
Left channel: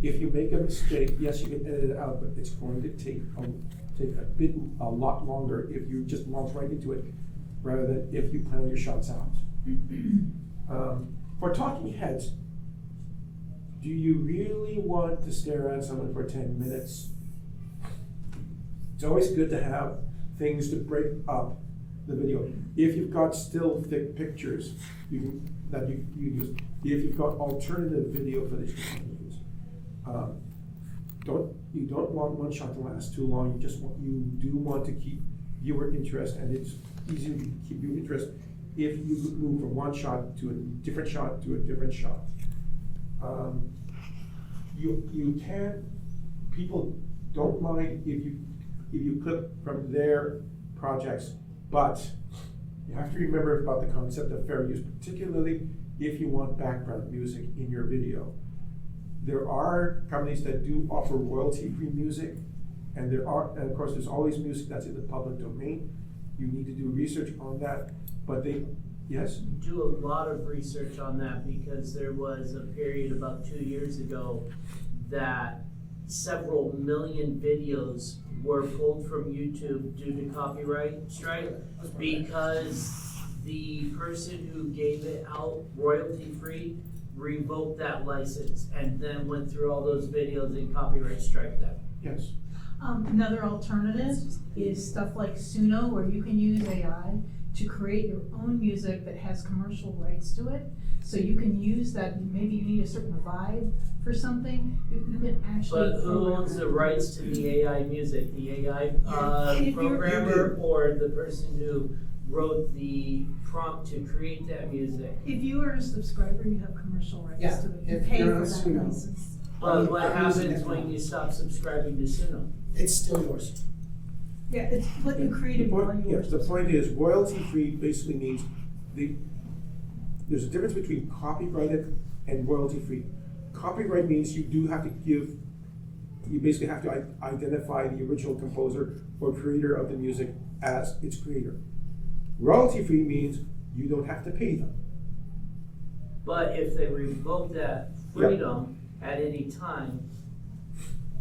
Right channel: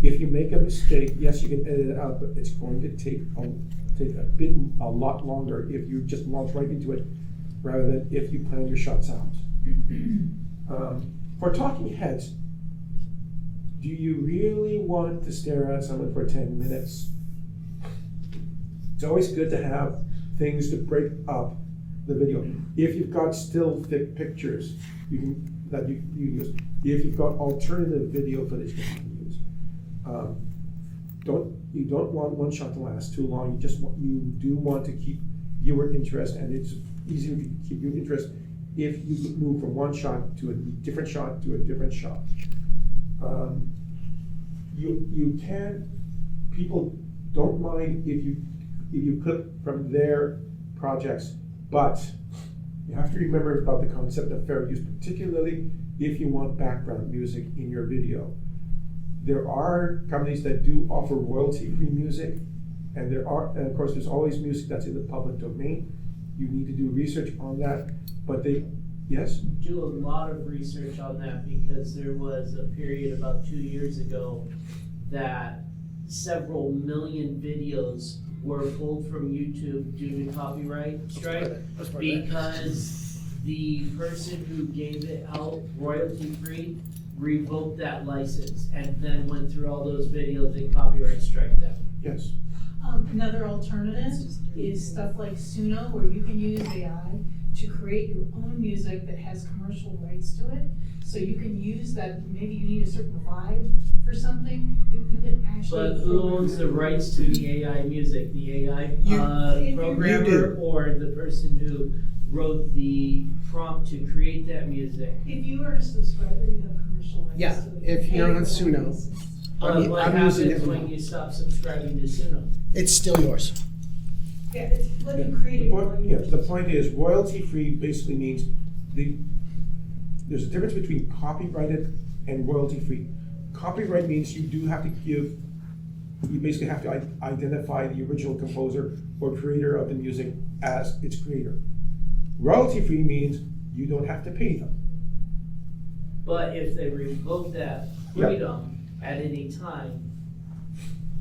if you make a mistake, yes, you can edit it out, but it's going to take a lot longer if you just launch right into it, rather than if you plan your shots out. For talking heads, do you really want to stare at someone for 10 minutes? It's always good to have things to break up the video. If you've got still thick pictures, you use. If you've got alternative video footage, you can use. You don't want one shot to last too long. You do want to keep viewer interest, and it's easier to keep viewer interest if you move from one shot to a different shot to a different shot. People don't mind if you clip from their projects, but you have to remember about the concept of fair use, particularly if you want background music in your video. There are companies that do offer royalty-free music, and of course there's always music that's in the public domain. You need to do research on that, but yes? Do a lot of research on that, because there was a period about 2 years ago that several million videos were pulled from YouTube due to copyright strike, because the person who gave it out royalty-free revoked that license and then went through all those videos and copyright strike them. Yes. Another alternative is stuff like Suno, where you can use AI to create your own music that has commercial rights to it. So you can use that. Maybe you need a certain vibe for something. You can actually. But who owns the rights to the AI music? The AI programmer, or the person who wrote the prompt to create that music. If you are a subscriber, you have commercial rights Yeah, to it. if pay you're for on that Suno. basis. But what I'm using happens it when now. you stop subscribing to Suno? It's still yours. Yeah, it's what you created The for point, yours. the point is royalty-free basically means there's a difference between copyrighted and royalty-free. Copyright means you basically have to identify the original composer or creator of the music as its creator. Royalty-free means you don't have to pay them. But if they revoke that freedom at any time,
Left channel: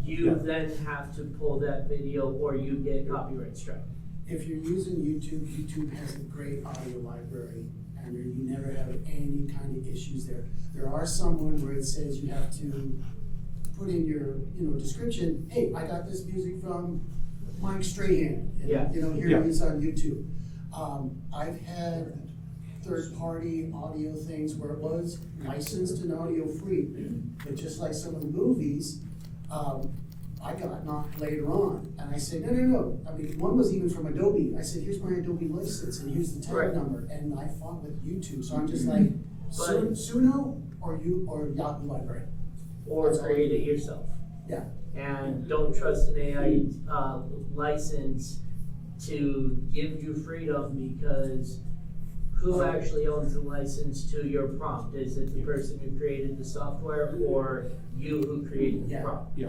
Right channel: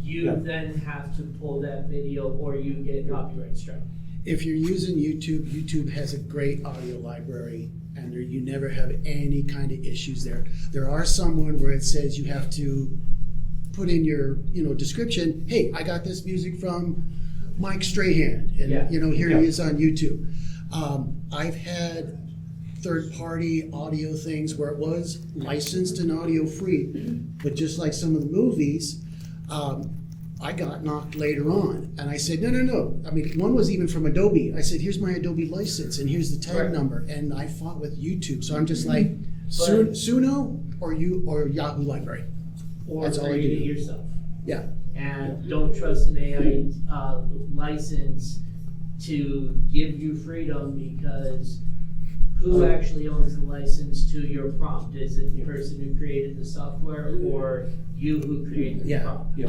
you Yeah. then have to pull that video or you get copyright strike. If you're using YouTube, YouTube has a great audio library, and you never have any kind of issues there. There are some where it says you have to put in your description. Hey, I got this music from Mike Strahan, and Yeah. Here Yeah. he is on YouTube. I've had third-party audio things where it was licensed and audio free, but just like some of the movies, I got knocked later on, and I said, no. I mean, one was even from Adobe. I said, here's my Adobe license, and here's the tag Right. number, and I fought with YouTube. So I'm just like, But- Suno or Yahoo Library. Or That's all I create it do. yourself. Yeah. And don't trust an AI license to give you freedom, because who actually owns the license to your prompt? Is it the person who created the software or you who created the Yeah. prompt? Yeah,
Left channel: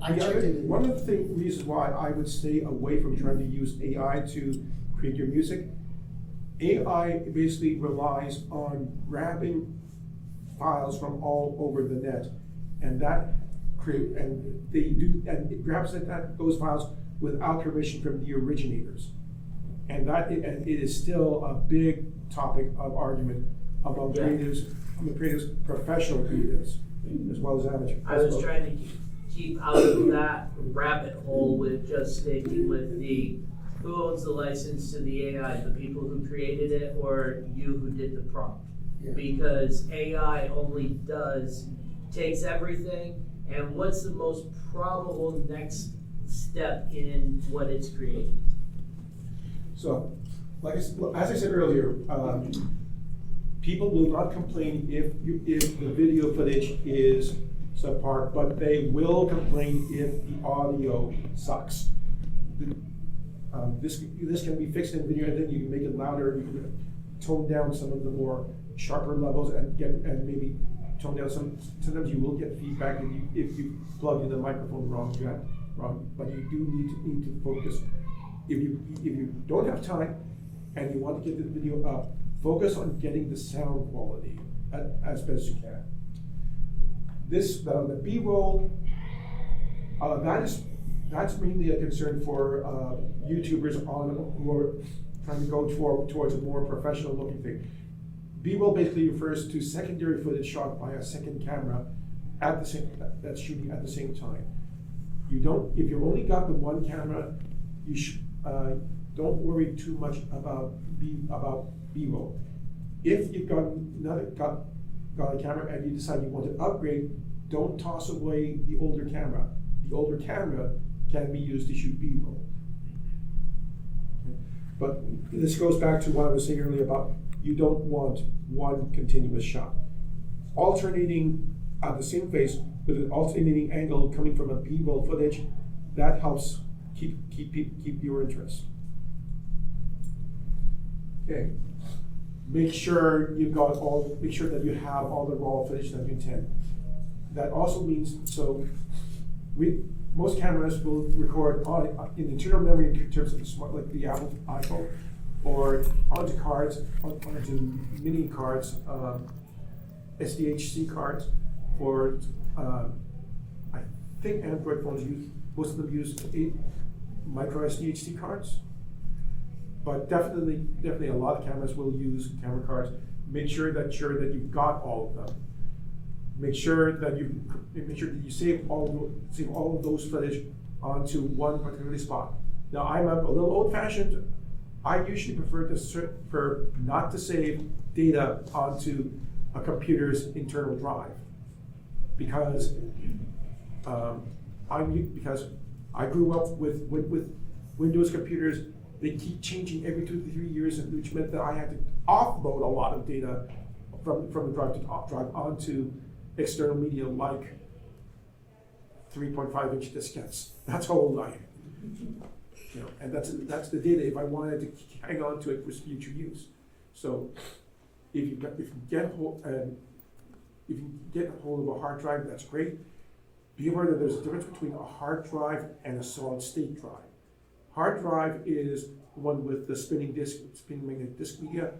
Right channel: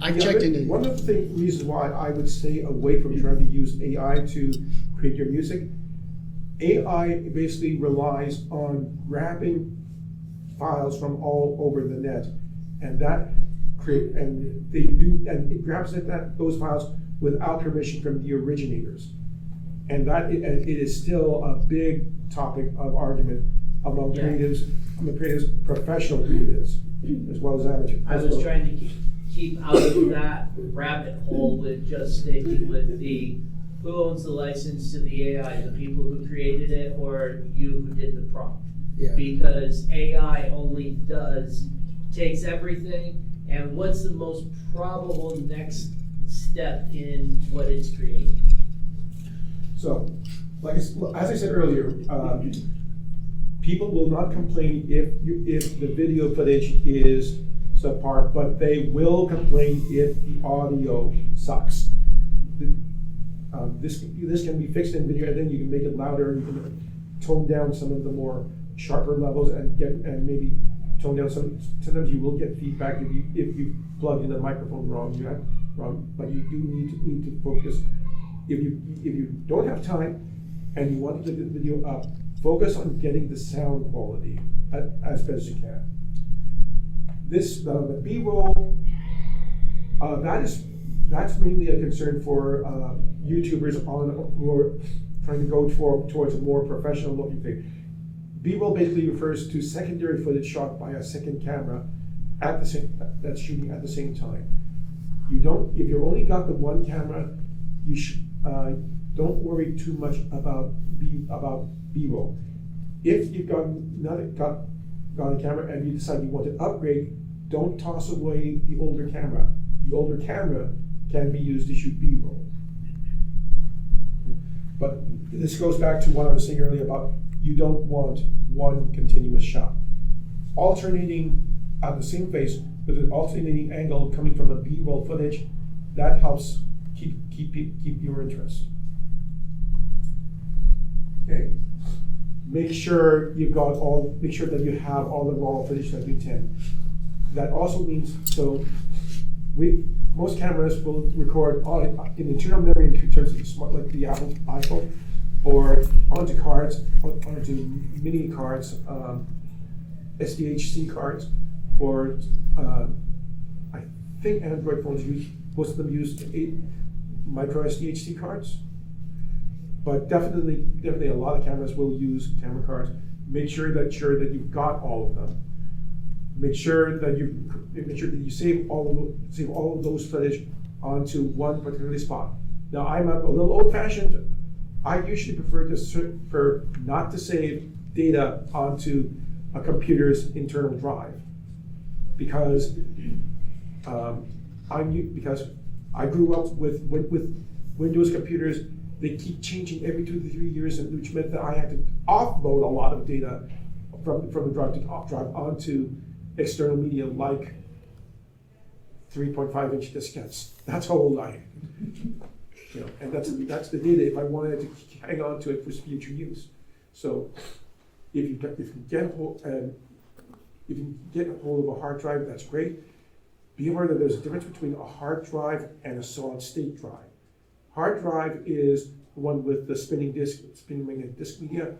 I checked into one of the reasons why I would stay away from trying to use AI to create your music. AI basically relies on grabbing files from all over the net, and it grabs those files without permission from the originators, and it is still a big topic of argument among creatives, professional creatives, as well as amateur. I was trying to keep out of that rabbit hole with just sticking with who owns the license to the AI, the people who created it or you who did the prompt. Yeah. Because AI only takes everything, and what's the most probable next step in what it's creating? So, as I said earlier, people will not complain if the video footage is subpar, but they will complain if the audio sucks. This can be fixed in video, and then you can make it louder. You can tone down some of the more sharper levels and maybe tone down some. Sometimes you will get feedback if you plug in the microphone wrong. But you do need to focus. If you don't have time and you want to get the video up, focus on getting the sound quality as best as you can. The B-roll, that's mainly a concern for YouTubers who are trying to go towards a more professional looking thing. B-roll basically refers to secondary footage shot by a second camera that's shooting at the same time. If you've only got the one camera, don't worry too much about B-roll. If you've got a camera and you decide you want to upgrade, don't toss away the older camera. The older camera can be used to shoot B-roll. But this goes back to what I was saying earlier about you don't want one continuous shot. Alternating at the same face with an alternating angle coming from a B-roll footage, that helps keep your interest. Okay. Make sure that you have all the raw footage that you intend. That also means most cameras will record in internal memory in terms of the smart, like the Apple iPhone, or onto mini cards, SDHC cards, or I think Android phones most of them use 8 micro SDHC cards. But definitely a lot of cameras will use camera cards. Make sure that you've got all of them. Make sure that you save all of those footage onto one particular spot. Now I'm a little old-fashioned. I usually prefer not to save data onto a computer's internal drive because I grew up with Windows computers they keep changing every 2 to 3 years, and which meant that I had to offload a lot of data from the drive onto external media like 3.5-inch diskettes. That's how old I am. You know, and that's the data if I wanted to hang on to it for future use. So if you get a hold of a hard drive, that's great. Be aware that there's a difference between a hard drive and a solid state drive. Hard drive is the one with the spinning magnetic disk media.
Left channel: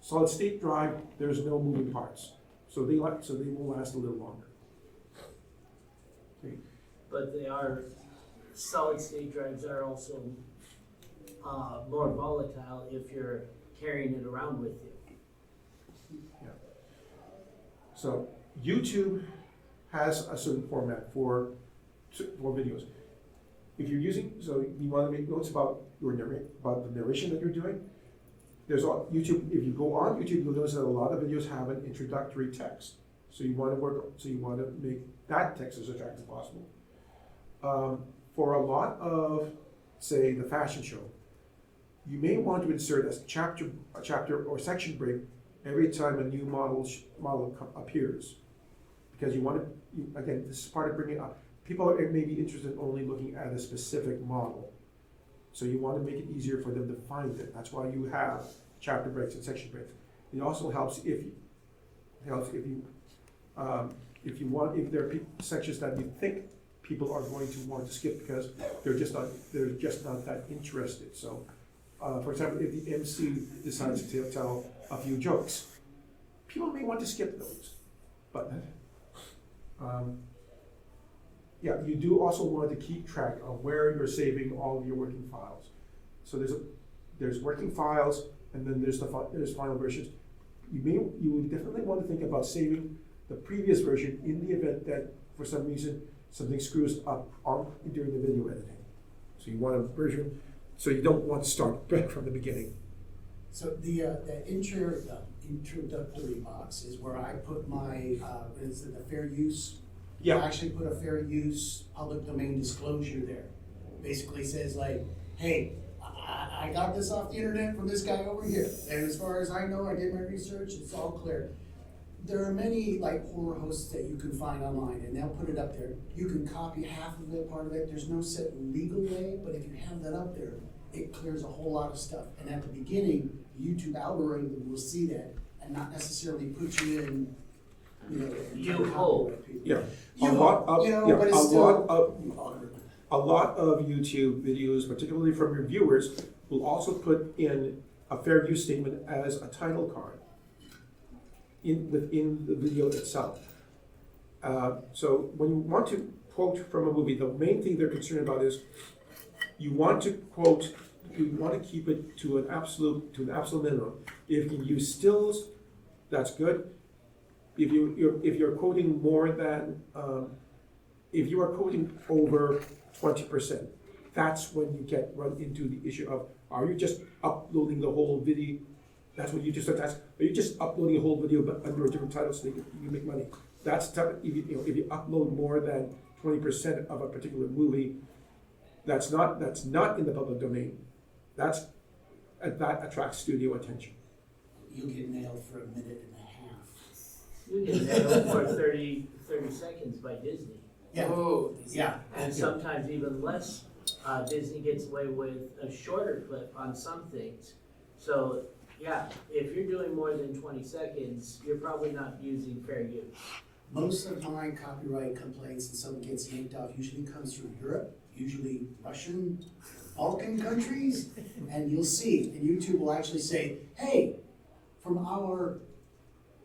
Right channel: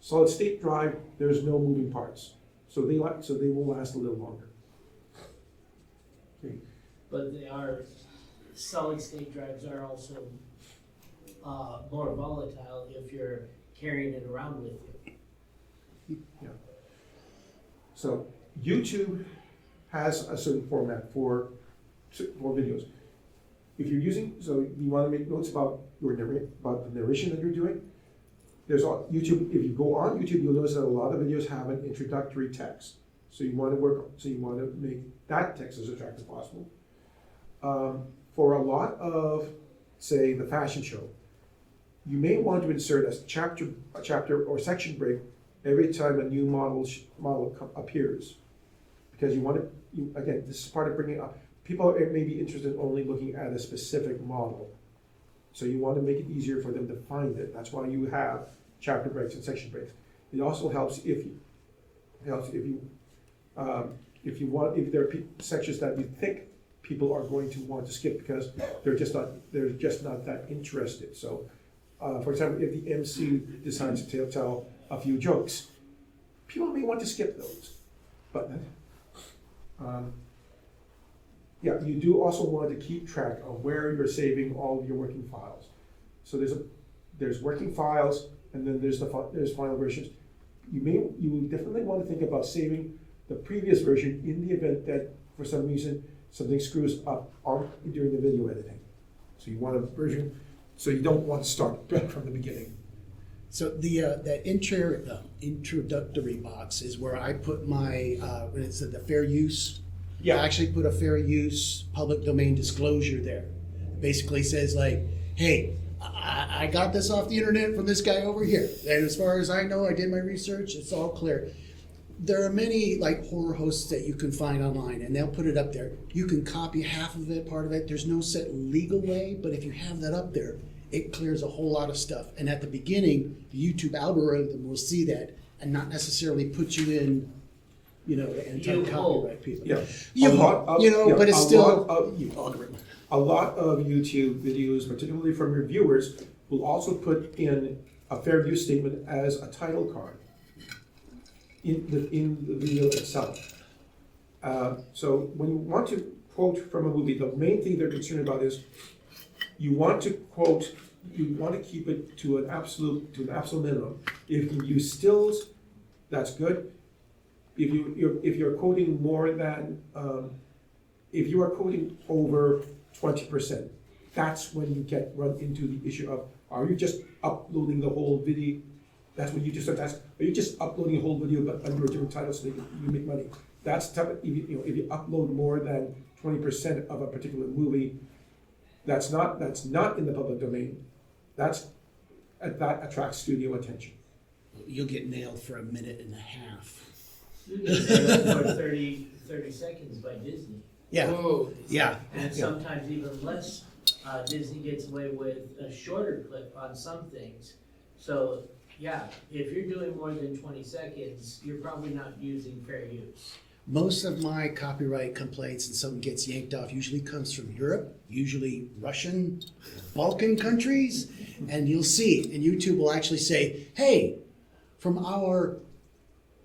Solid state drive, there's no moving parts, so they will last a little longer. Okay. But solid state drives are also more volatile if you're carrying it around with you. Yeah. So YouTube has a certain format for videos. If you're using, so you want to make notes about about the narration that you're doing. There's YouTube. If you go on YouTube, you'll notice that a lot of videos have an introductory text. So you want to make that text as attractive as possible. For a lot of, say, the fashion show, you may want to insert a chapter or section break every time a new model appears, because you want to. Again, this is part of bringing up. People may be interested in only looking at a specific model, so you want to make it easier for them to find it. That's why you have chapter breaks and section breaks. It also helps if there are sections that you think people are going to want to skip because they're just not that interested. So, for example, if the MC decides to tell a few jokes, people may want to skip those. But yeah, you do also want to keep track of where you're saving all of your working files. So there's working files, and then there's final versions. You definitely want to think about saving the previous version in the event that for some reason something screws up during the video editing. So you want a version, so you don't want to start back from the beginning. So that introductory box is where I put my the fair use. Yeah. I actually put a fair use public domain disclosure there. Basically says like, hey, I got this off the internet from this guy over here. And as far as I know, I did my research, it's all clear. There are many like horror hosts that you can find online, and they'll put it up there. You can copy half of it, part of it. There's no set legal way, but if you have that up there, it clears a whole lot of stuff. And at the beginning, the YouTube algorithm will see that and not necessarily put you in, anti-copyright people. Yeah. But it's still algorithm. A lot of YouTube videos, particularly from reviewers, will also put in a fair use statement as a title card within the video itself. So when you want to quote from a movie, the main thing they're concerned about is you want to keep it to an absolute minimum. If you use stills, that's good. If you're quoting more than if you are quoting over 20%, that's when you run into the issue of, are you just uploading the whole video? That's when you just start to ask, are you just uploading a whole video but under a different title so you make money? That's tough. If you upload more than 20% of a particular movie, that's not in the public domain. That attracts studio attention. You'll get nailed for a minute and a half. You get nailed for 30 seconds by Disney. Yeah. Oh, yeah. And sometimes even less. Disney gets away with a shorter clip on some things. So, yeah, if you're doing more than 20 seconds, you're probably not using fair use. Most of my copyright complaints and someone gets yanked off usually comes from Europe, usually Russian, Balkan countries, and you'll see, and YouTube will actually say, hey, from our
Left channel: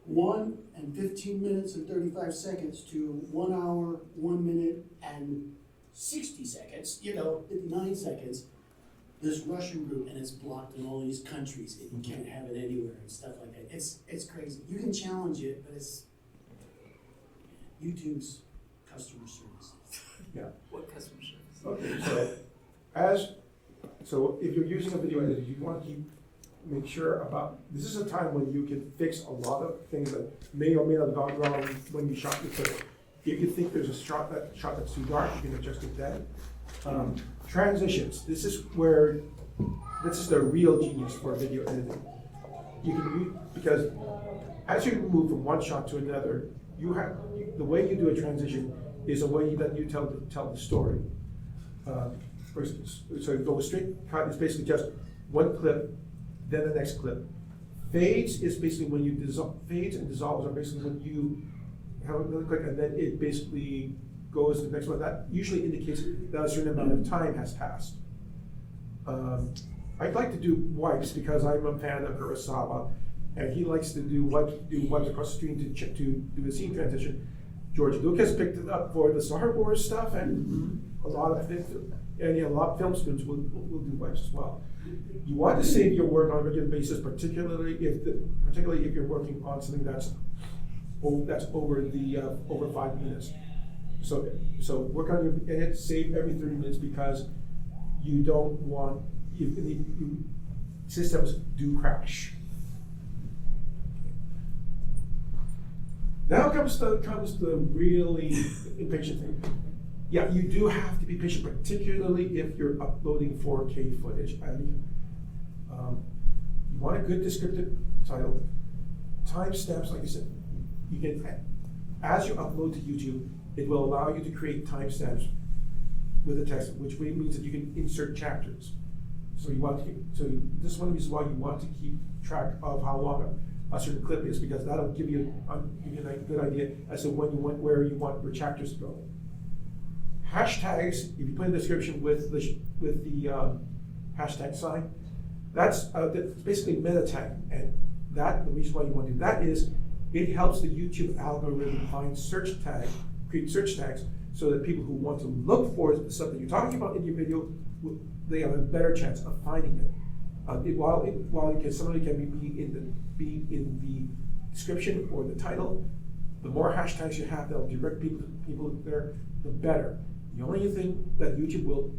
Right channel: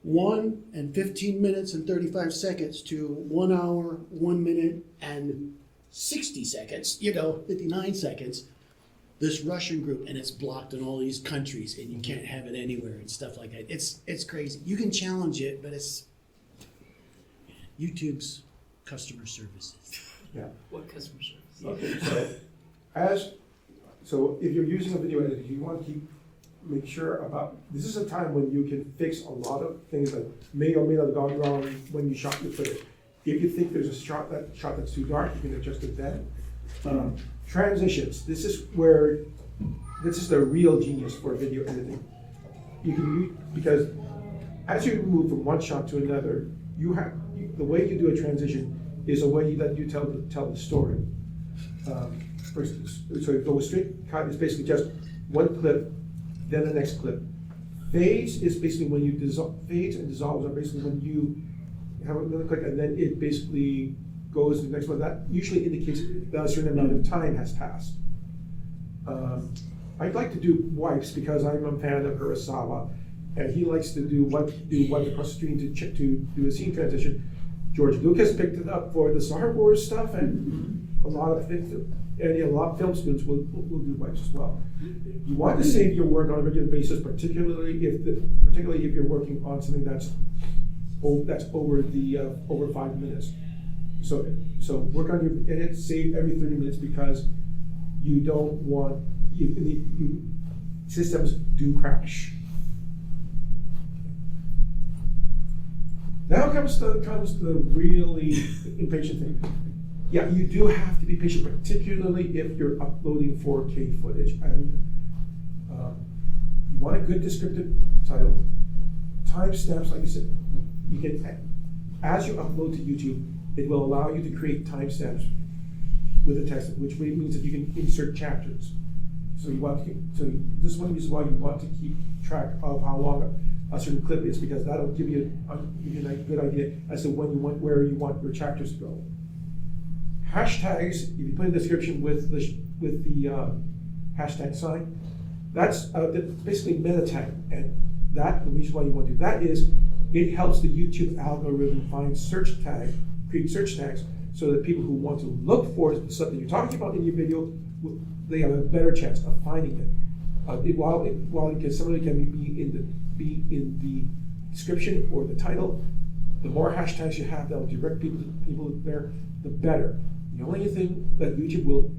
1 and 15 minutes and 35 seconds to 1 hour, 1 minute and 60 seconds, 59 seconds, this Russian group, and it's blocked in all these countries, and you can't have it anywhere and stuff like that. It's crazy. You can challenge it, but it's YouTube's customer service. Yeah. what customer service? Okay, so if you're using a video editor, you want to make sure about, this is a time when you can fix a lot of things that may or may not have gone wrong when you shot your footage. If you think there's a shot that's too dark, you can adjust it then. Transitions, this is where this is the real genius for video editing. You can because as you move from one shot to another, the way you do a transition is a way that you tell the story. So go straight cut is basically just one clip, then the next clip. Fades is basically when you fades and dissolves are basically when you have another click and then it basically goes to the next one. That usually indicates that a certain amount of time has passed. I'd like to do wipes because I'm a fan of Kurosawa, and he likes to do wipes across the screen to do a scene transition. George Lucas picked it up for the Star Wars stuff, and a lot of things, and a lot of film students will do wipes as well. You want to save your work on a regular basis, particularly if you're working on something that's over 5 minutes. So work on your edit, save every 30 minutes because you don't want systems do crash. Now comes the really impatient thing. Yeah, you do have to be patient, particularly if you're uploading 4K footage. You want a good descriptive title. Timestamps, like I said, you can, as you upload to YouTube, it will allow you to create timestamps with the text, which means that you can insert chapters. So this is one of the reasons why you want to keep track of how long a certain clip is, because that'll give you a good idea as to where you want your chapters to go. Hashtags, if you put in the description with the hashtag sign, that's basically meta tag, and the reason why you want to do that is it helps the YouTube algorithm create search tags, so that people who want to look for the stuff that you're talking about in your video, they have a better chance of finding it. While somebody can be in the description or the title, the more hashtags you have that'll direct people there, the better. The only thing that YouTube will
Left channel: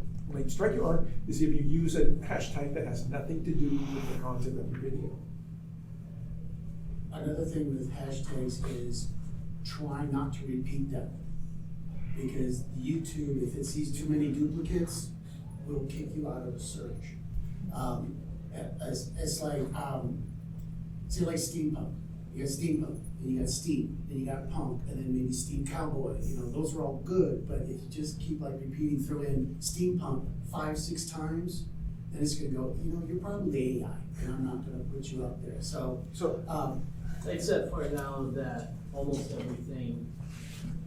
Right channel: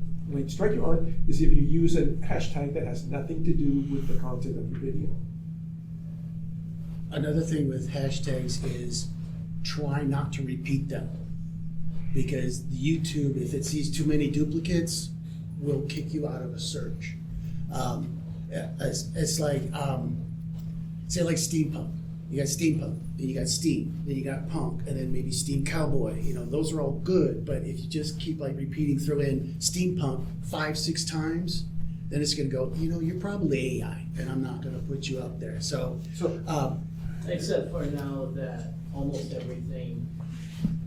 strike you on is if you use a hashtag that has nothing to do with the content of your video. Another thing with hashtags is try not to repeat them, because YouTube, if it sees too many duplicates, will kick you out of a search. It's like, say like steampunk. You got steampunk, then you got steam, then you got punk, and then maybe steam cowboy. Those are all good, but if you just keep throw in steampunk 5-6 times, then it's gonna go, you're probably AI, and I'm not gonna put you up there. Except for now that almost everything,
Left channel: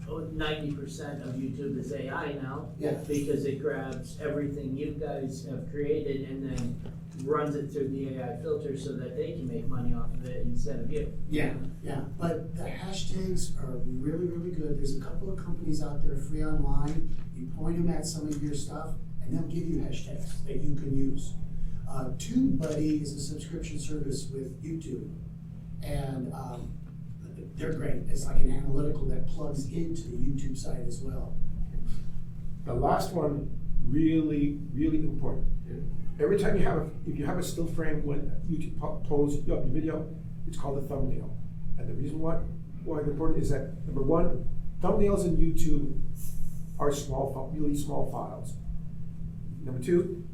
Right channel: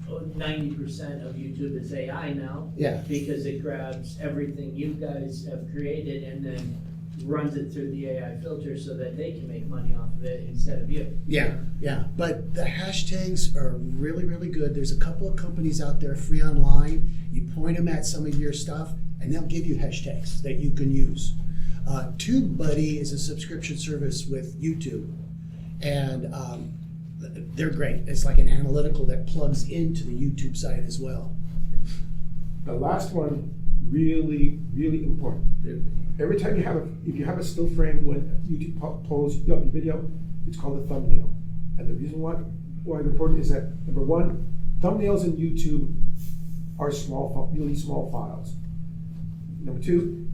90% of YouTube is AI now. Yeah. Because it grabs everything you guys have created and then runs it through the AI filter so that they can make money off of it instead of you. Yeah. But the hashtags are really, really good. There's a couple of companies out there free online. You point them at some of your stuff, and they'll give you hashtags that you can use. TubeBuddy is a subscription service with YouTube, and they're great. It's like an analytical that plugs into the YouTube site as well. The last one, really, really important. Every time if you have a still frame when YouTube pulls up your video, it's called a thumbnail. And the reason why it's important is that, number one, thumbnails in YouTube are really small files. Number two,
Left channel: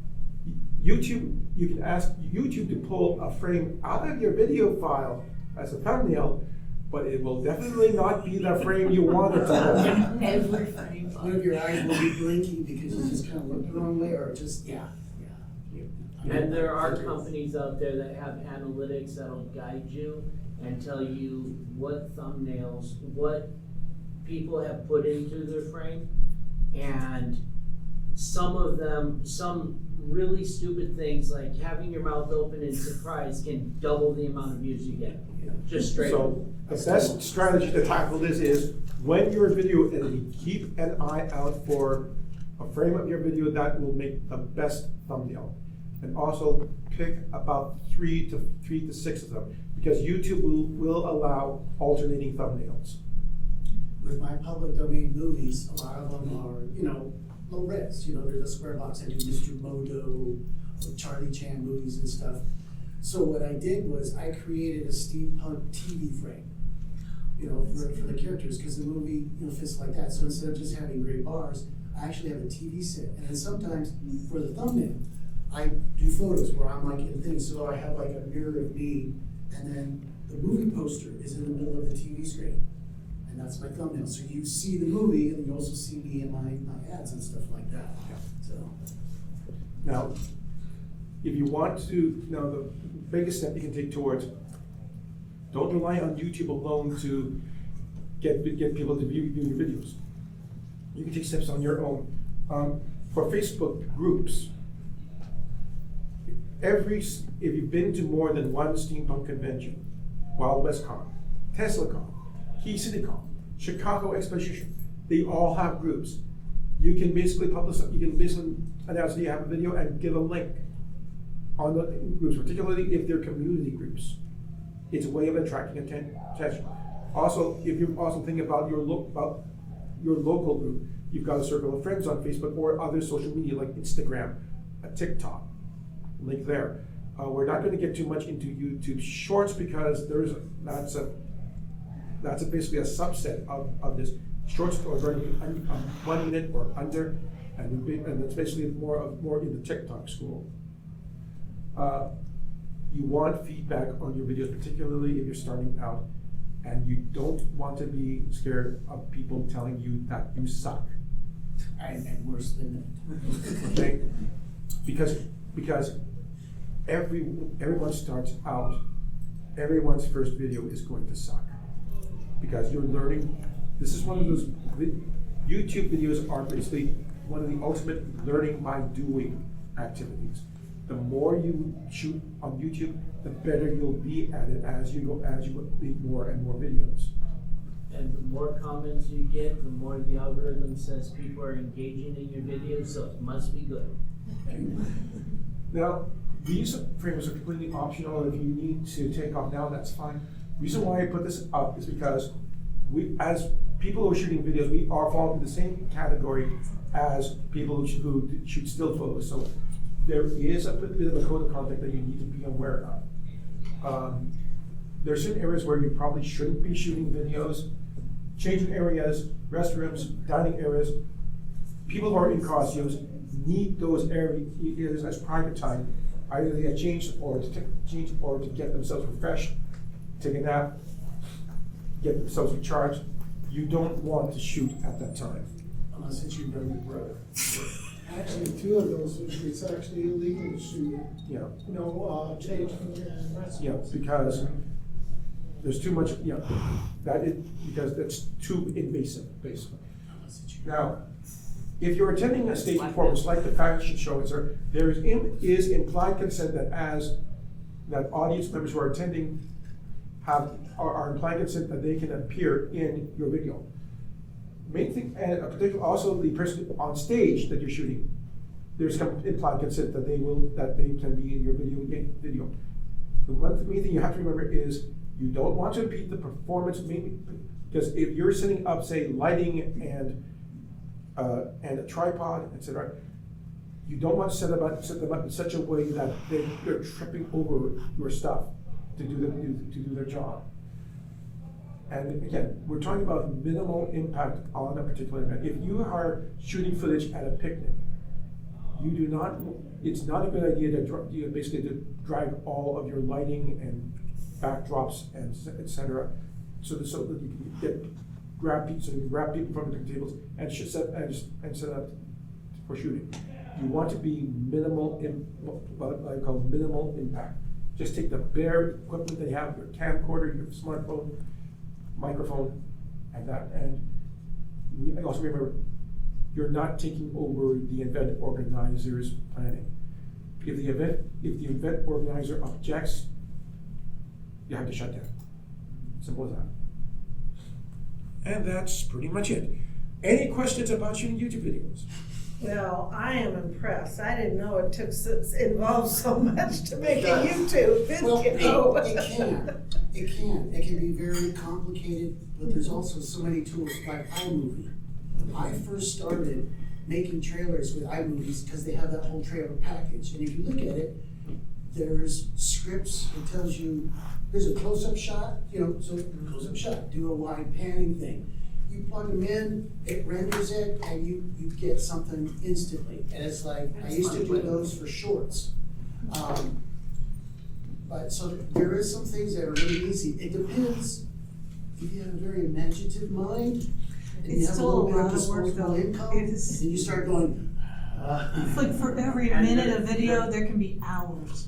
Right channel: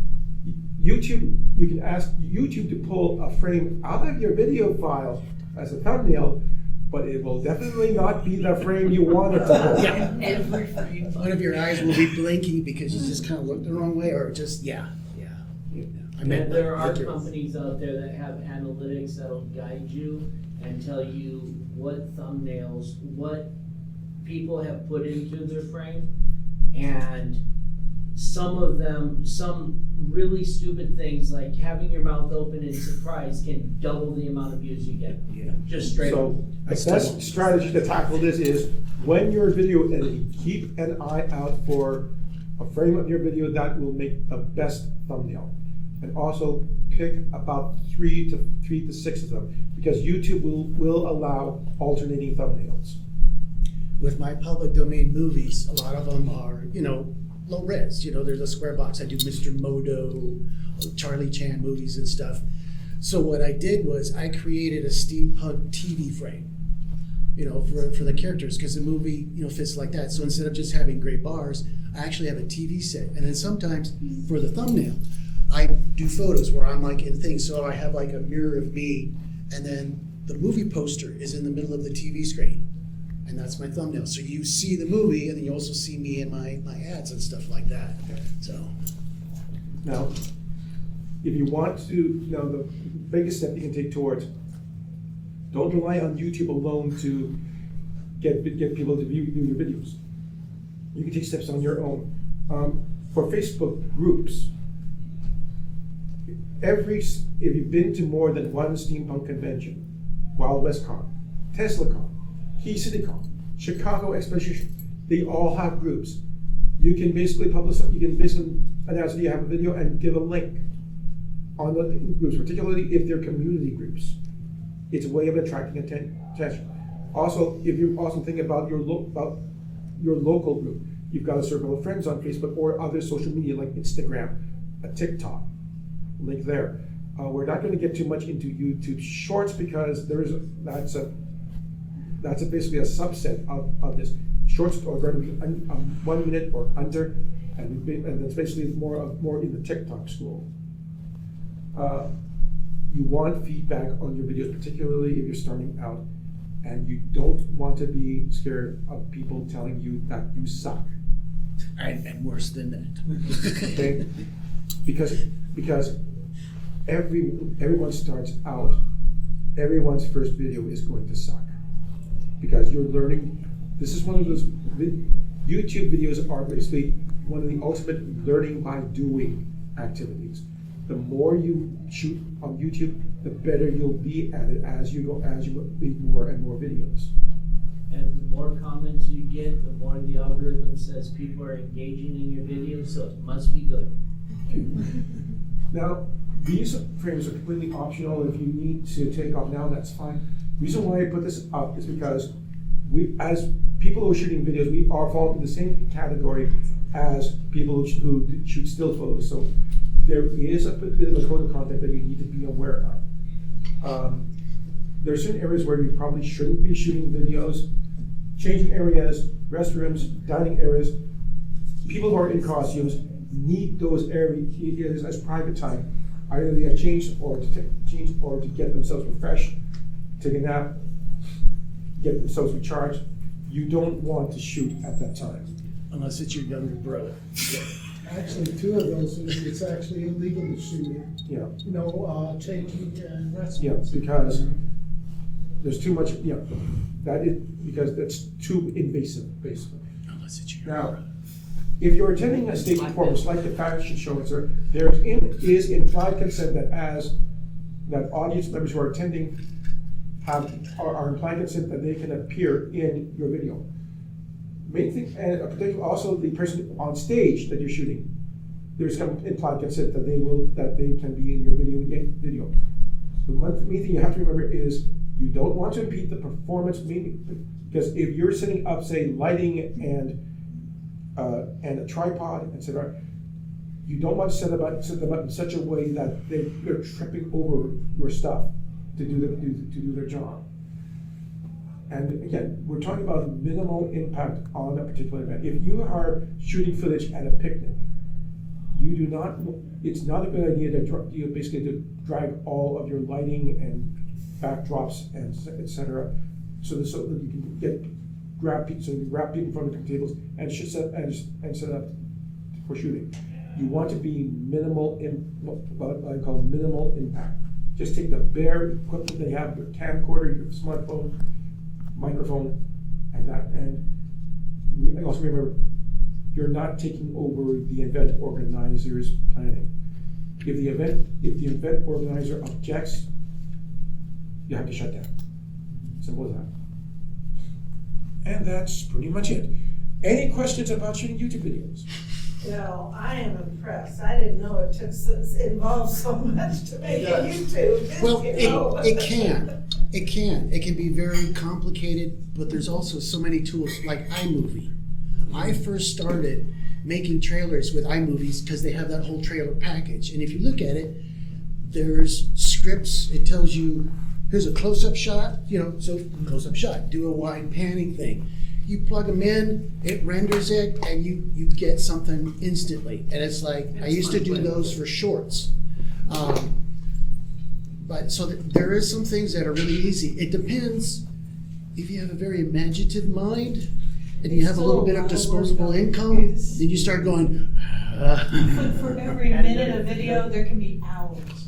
you can ask YouTube to pull a frame out of your video file as a thumbnail, but it will definitely not be the frame you want it to pull. Yeah. Every frame. One of your eyes will be blinking because you just kind of looked the wrong way, or just, And there are companies out there that have analytics that'll guide you and tell you what thumbnails, what people have put into their frame, and some really stupid things like having your mouth open in surprise can double the amount of views you get. Just straight up. So the best strategy to tackle this is when you're video editing, keep an eye out for a frame of your video that will make the best thumbnail. And also pick about 3 to 6 of them, because YouTube will allow alternating thumbnails. With my public domain movies, a lot of them are, low res. There's a square box. I do Mr. Modo, Charlie Chan movies and stuff. So what I did was I created a steampunk TV frame, for the characters, because the movie, fits like that. So instead of just having gray bars, I actually have a TV set. And then sometimes for the thumbnail, I do photos where I'm like in things, so I have like a mirror of me, and then the movie poster is in the middle of the TV screen. And that's my thumbnail. So you see the movie, and then you also see me in my ads and stuff like that. So. Now, if you want to, now the biggest step you can take towards, don't rely on YouTube alone to get people to view your videos. You can take steps on your own. For Facebook groups, if you've been to more than one steampunk convention, Wild West Con, TeslaCon, Key City Con, Chicago Exposition, they all have groups. You can basically announce that you have a video and give a link on the groups, particularly if they're community groups. It's a way of attracting attention. Also, if you're also thinking about your local group, you've got a circle of friends on Facebook or other social media like Instagram, TikTok, link there. We're not going to get too much into YouTube Shorts because that's basically a subset of this. Shorts are going to be 1 minute or under, and it's basically more in the TikTok school. You want feedback on your videos, particularly if you're starting out, and you don't want to be scared of people telling you that you suck. I'm worse than that. Okay? Because everyone starts out, everyone's first video is going to suck. Because you're learning, this is one of those, YouTube videos are basically one of the ultimate learning by doing activities. The more you shoot on YouTube, the better you'll be at it as you make more and more videos. And the more comments you get, the more the algorithm says people are engaging in your videos, so it must be good. Okay. Now, these frames are completely optional. If you need to take off now, that's fine. The reason why I put this up is because as people who are shooting videos, we are falling in the same category as people who shoot still photos. So there is a bit of a code of conduct that you need to be aware of. There are certain areas where you probably shouldn't be shooting videos. Changing areas, restrooms, dining areas. People who are in costumes need those areas as private time. Either they get changed or to get themselves refreshed, take a nap, get themselves recharged. You don't want to shoot at that time. Unless it's your younger brother. Actually, 2 of those, it's actually illegal to shoot. Yeah. Changing and restrooms. Yeah, because there's too much. Yeah, because that's too invasive, basically. Unless it's your Now, if you're attending a stage performance like the fashion show, there is implied consent that audience members who are attending are implied consent that they can appear in your video. Main thing, and particularly also the person on stage that you're shooting, there's some implied consent that they can be in your video. The main thing you have to remember is you don't want to impede the performance, because if you're setting up, say, lighting and a tripod, etc., you don't want to set them up in such a way that they're tripping over your stuff to do their job. And again, we're talking about minimal impact on a particular event. If you are shooting footage at a picnic, it's not a good idea to drag all of your lighting and backdrops and etc. so that you can grab people from the tables and set up for shooting. You want to be minimal what I call minimal impact. Just take the bare equipment they have, your camcorder, your smartphone, microphone, and also remember, you're not taking over the event organizer's planning. If the event organizer objects, you have to shut down. Simple as that. And that's pretty much it. Any questions about shooting YouTube videos? Well, I am impressed. I didn't know it involved so much to make a YouTube video. Well, it can. It can be very complicated, but there's also so many tools like iMovie. I first started making trailers with iMovies because they have that whole trailer package. And if you look at it, there's scripts. It tells you, here's a close-up shot, so close-up shot, do a wide panning thing. you plug them in, it renders it, and you get something instantly. And it's like, I used to do those for shorts. But so there is some things that are really easy. It depends if you have a very imaginative mind and you have a little bit of disposable income, then you start going. For every minute of video, there can be hours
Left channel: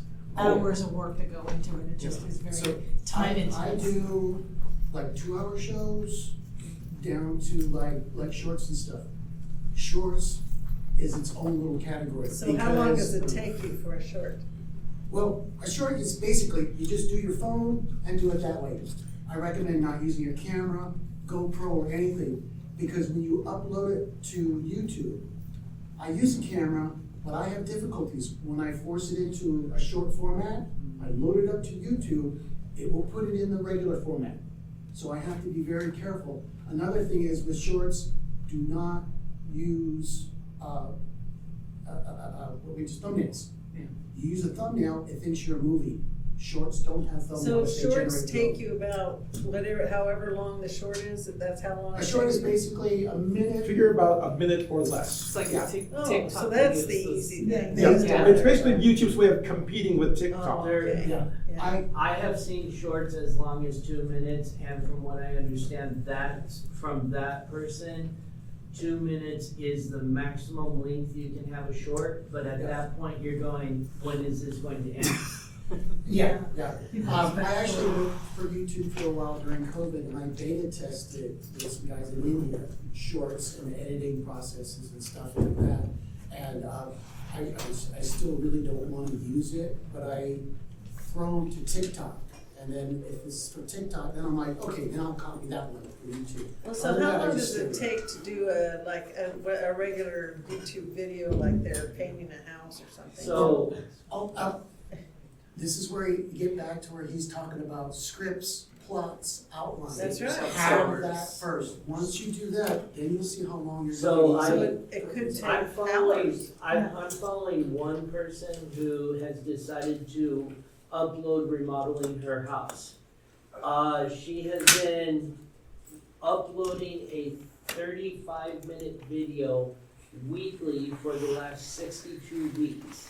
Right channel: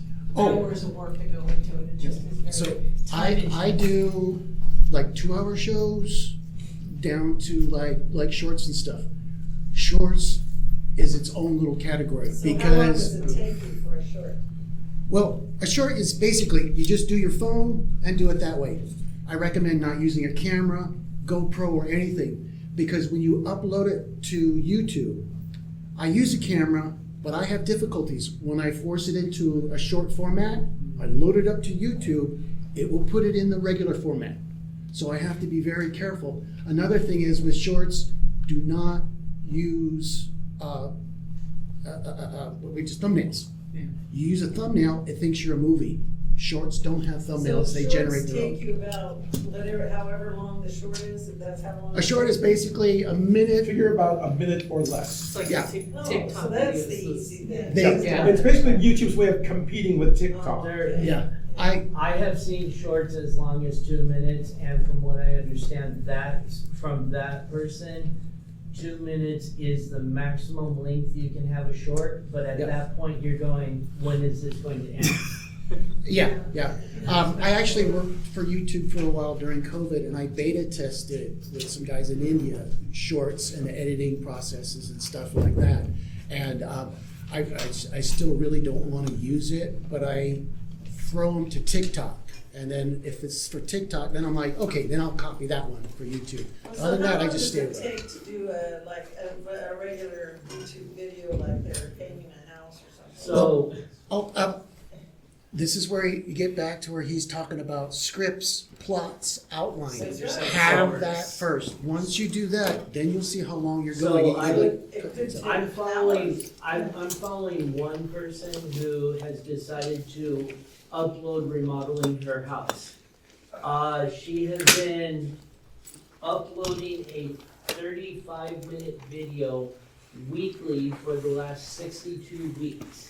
of work to go into it. It just is very time I do like 2-hour shows down to like shorts and stuff. Shorts is its own little category So because. how long does it take you for a short? Well, a short is basically, you just do your phone and do it that way. I recommend not using a camera, GoPro, or anything, because when you upload it to YouTube, I use a camera, but I have difficulties. When I force it into a short format, I load it up to YouTube, it will put it in the regular format. So I have to be very careful. Another thing is with shorts, do not use thumbnails. You use a thumbnail, it thinks you're a movie. Shorts don't have thumbnails, they generate So their shorts own. take you about however long the short is, if that's how long? A short is basically a minute. Figure about a minute or less. It's like Yeah. TikTok. So that's the easy thing. Yeah. It's basically YouTube's way of competing with TikTok. Yeah. I have seen shorts as long as 2 minutes, and from what I understand, from that person, 2 minutes is the maximum length you can have a short, but at that point, you're going, when is this going to end? Yeah. I actually worked for YouTube for a while during COVID, and I beta tested with some guys in India, shorts and editing processes and stuff like that. And I still really don't want to use it, but I throw them to TikTok. And then if it's for TikTok, then I'm like, okay, then I'll copy that one for YouTube. So Other than how that, I long just does stay it take to do a regular YouTube video, like they're painting a house or something? So, this is where you get back to where he's talking about scripts, plots, outlines. That's right. Have that first. Once you do that, then you'll see how long you're So going. I would- It could take I'm hours. following one person who has decided to upload remodeling her house. She has been uploading a 35-minute video weekly for the last 62 weeks.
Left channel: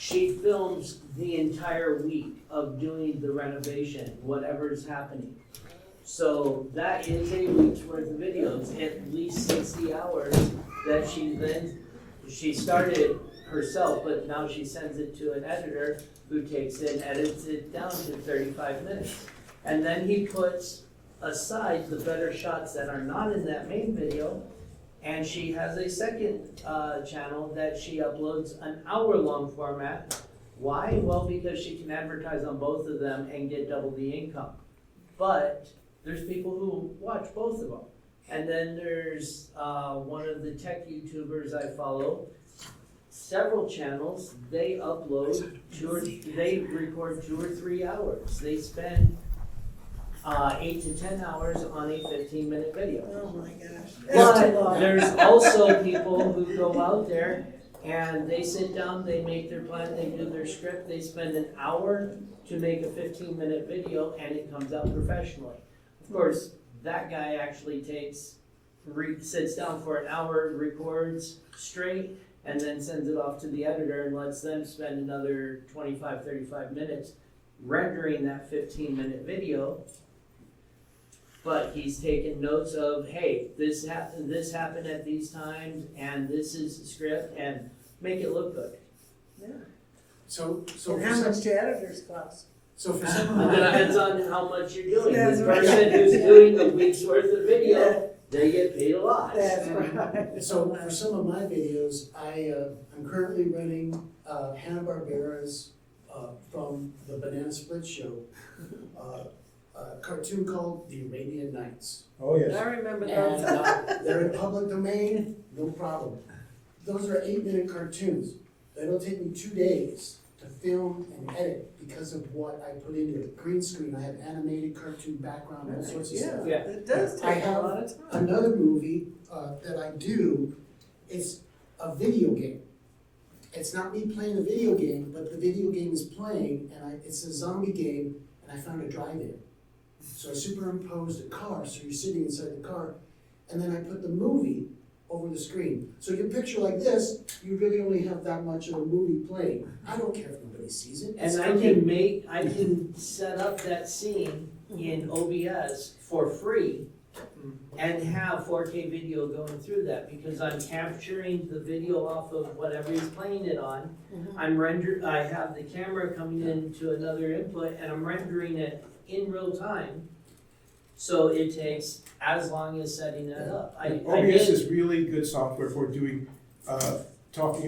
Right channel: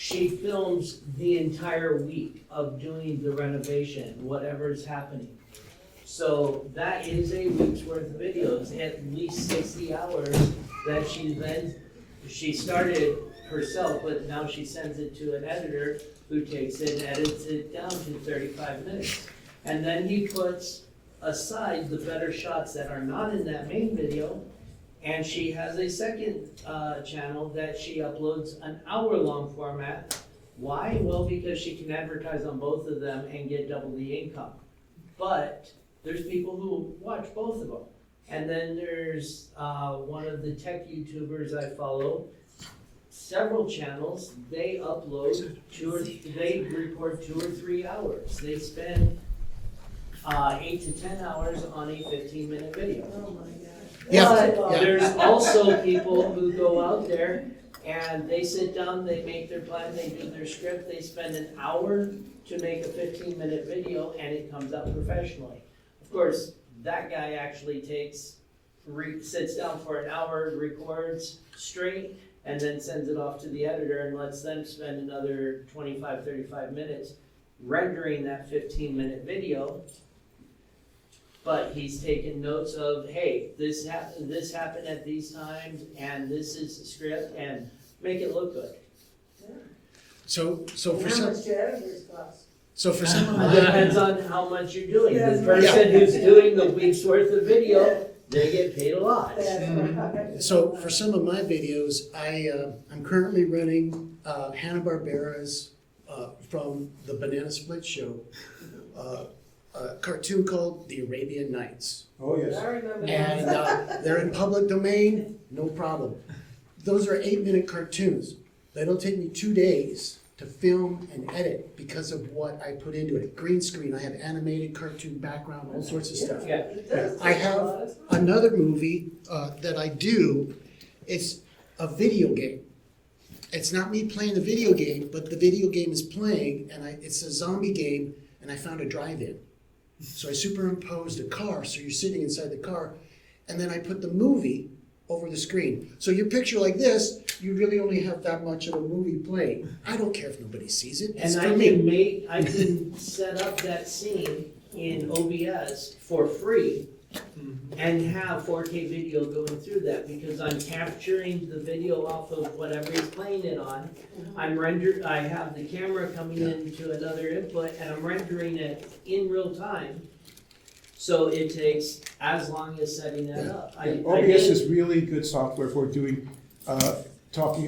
She films the entire week of doing the renovation, whatever is happening. So that is a week's worth of videos, at least 60 hours that she started herself, but now she sends it to an editor who takes it and edits it down to 35 minutes. And then he puts aside the better shots that are not in that main video, and she has a second channel that she uploads an hour-long format. Why? Well, because she can advertise on both of them and get double the income. But there's people who watch both of them. And then there's one of the tech YouTubers I follow, several channels, they upload they record 2 or 3 hours. They spend 8 to 10 hours on a 15-minute video. Oh my gosh. But there's also people who go out there and they sit down, they make their plan, they do their script, they spend an hour to make a 15-minute video and it comes out professionally. Of course, that guy actually sits down for an hour, records straight, and then sends it off to the editor and lets them spend another 25, 35 minutes rendering that 15-minute video. But he's taken notes of, hey, this happened at these times, and this is the script, and make it look good. So And for how some, much do editors cost? so for some of It my, depends on how much you're doing. That's The right. person who's doing the week's worth of video, they get paid a lot. That's right. so for some of my videos, I'm currently running Hanna-Barbera's from the Banana Split show, a cartoon called The Arabian Nights. Oh, yes. I remember And that. they're in public domain, no problem. Those are 8-minute cartoons. That'll take me 2 days to film and edit because of what I put into it. Green screen, I have animated cartoon background, all sorts of stuff. Yeah. It does I take a have lot of time. another movie that I do. It's a video game. It's not me playing the video game, but the video game is playing, and it's a zombie game, and I found a drive-in. So I superimposed a car, so you're sitting inside the car, and then I put the movie over the screen. So your picture like this, you really only have that much of a movie playing. I don't care if nobody sees it. It's And for me. I can set up that scene in OBS for free and have 4K video going through that, because I'm capturing the video off of whatever he's playing it on. I have the camera coming into another input and I'm rendering it in real time. So it takes as long as setting that up. OBS is really good software for doing talking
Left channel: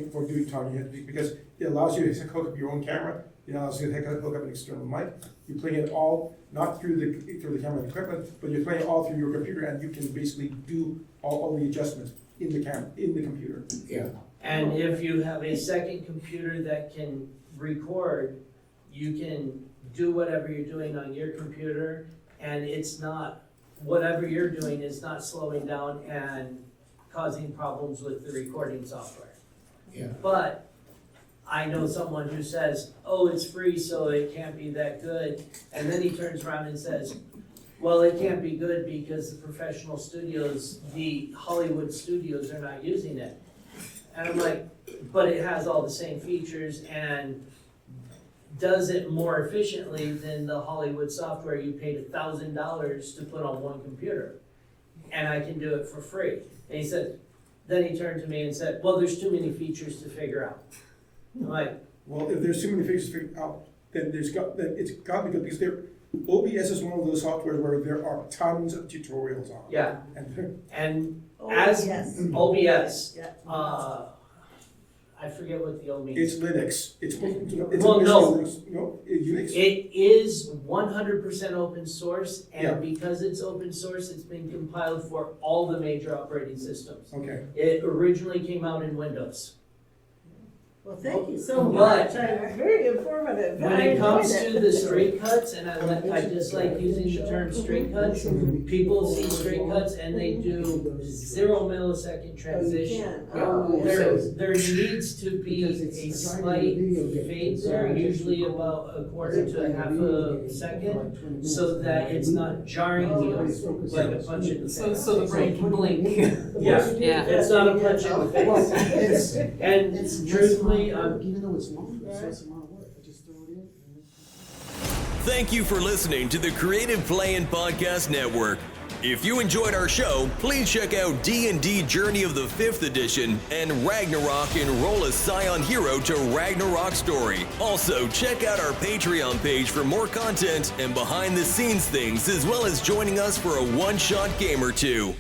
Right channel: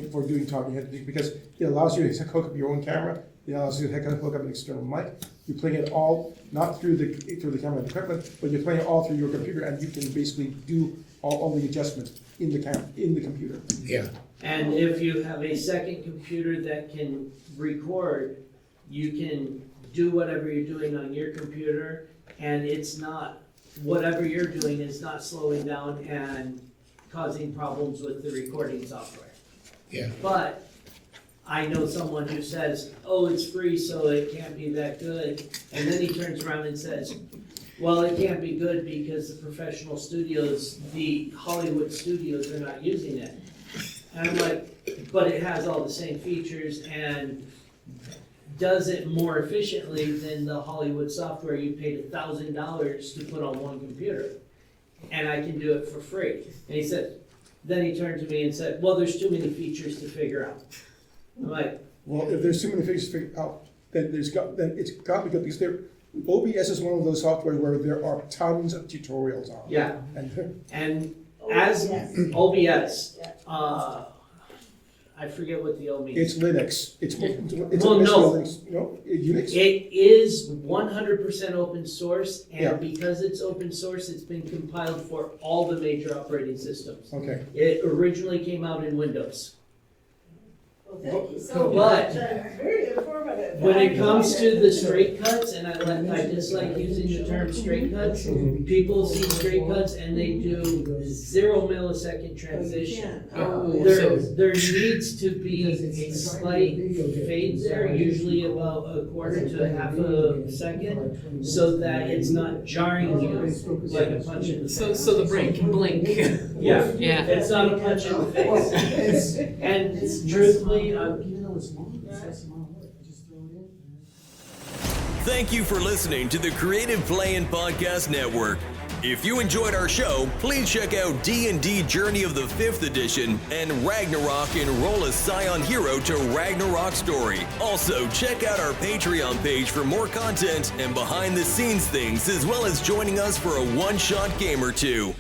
head, because it allows you to hook up your own camera. It allows you to hook up an external mic. You're playing it all not through the camera equipment, but you're playing it all through your computer, and you can basically do all the adjustments in the computer. Yeah. And if you have a second computer that can record, you can do whatever you're doing on your computer, and it's not, whatever you're doing is not slowing down and causing problems with the recording software. Yeah. But I know someone who says, oh, it's free, so it can't be that good. And then he turns around and says, well, it can't be good because the professional studios, the Hollywood studios are not using it. And I'm like, but it has all the same features and does it more efficiently than the Hollywood software you paid $1,000 to put on one computer. And I can do it for free. And he said, then he turned to me and said, well, there's too many features to figure out. I'm like, well, if there's too many features to figure out, then it's got to be good, because OBS is one of those software where there are tons of tutorials on. yeah. And as OBS, I forget what the O means. It's Linux. It's Well, no. Linux. No, Unix. It is 100% open source, and Yeah. because it's open source, it's been compiled for all the major operating systems. Okay. It originally came out in Windows. Well, thank you so But- much. Very informative. When I it comes enjoyed to it. the straight cuts, and I dislike using the term straight cuts, people see straight cuts and they do 0 millisecond transition. There needs to be a slight fade there, usually about a quarter to a half a second, so that it's not jarring you like a punch in the face. So the brain can blink. Yeah, Yeah. it's not a punch in the face. And truthfully, Even though it's long, it's less amount of work. I just throw it in. Thank you for listening to the Creative Play-In Podcast Network. If you enjoyed our show, please check out D&D Journey of the 5th Edition and Ragnarok Enroll a Scion Hero to Ragnarok Story. Also, check out our Patreon page for more content and behind-the-scenes things, as well as joining us for a one-shot game or two.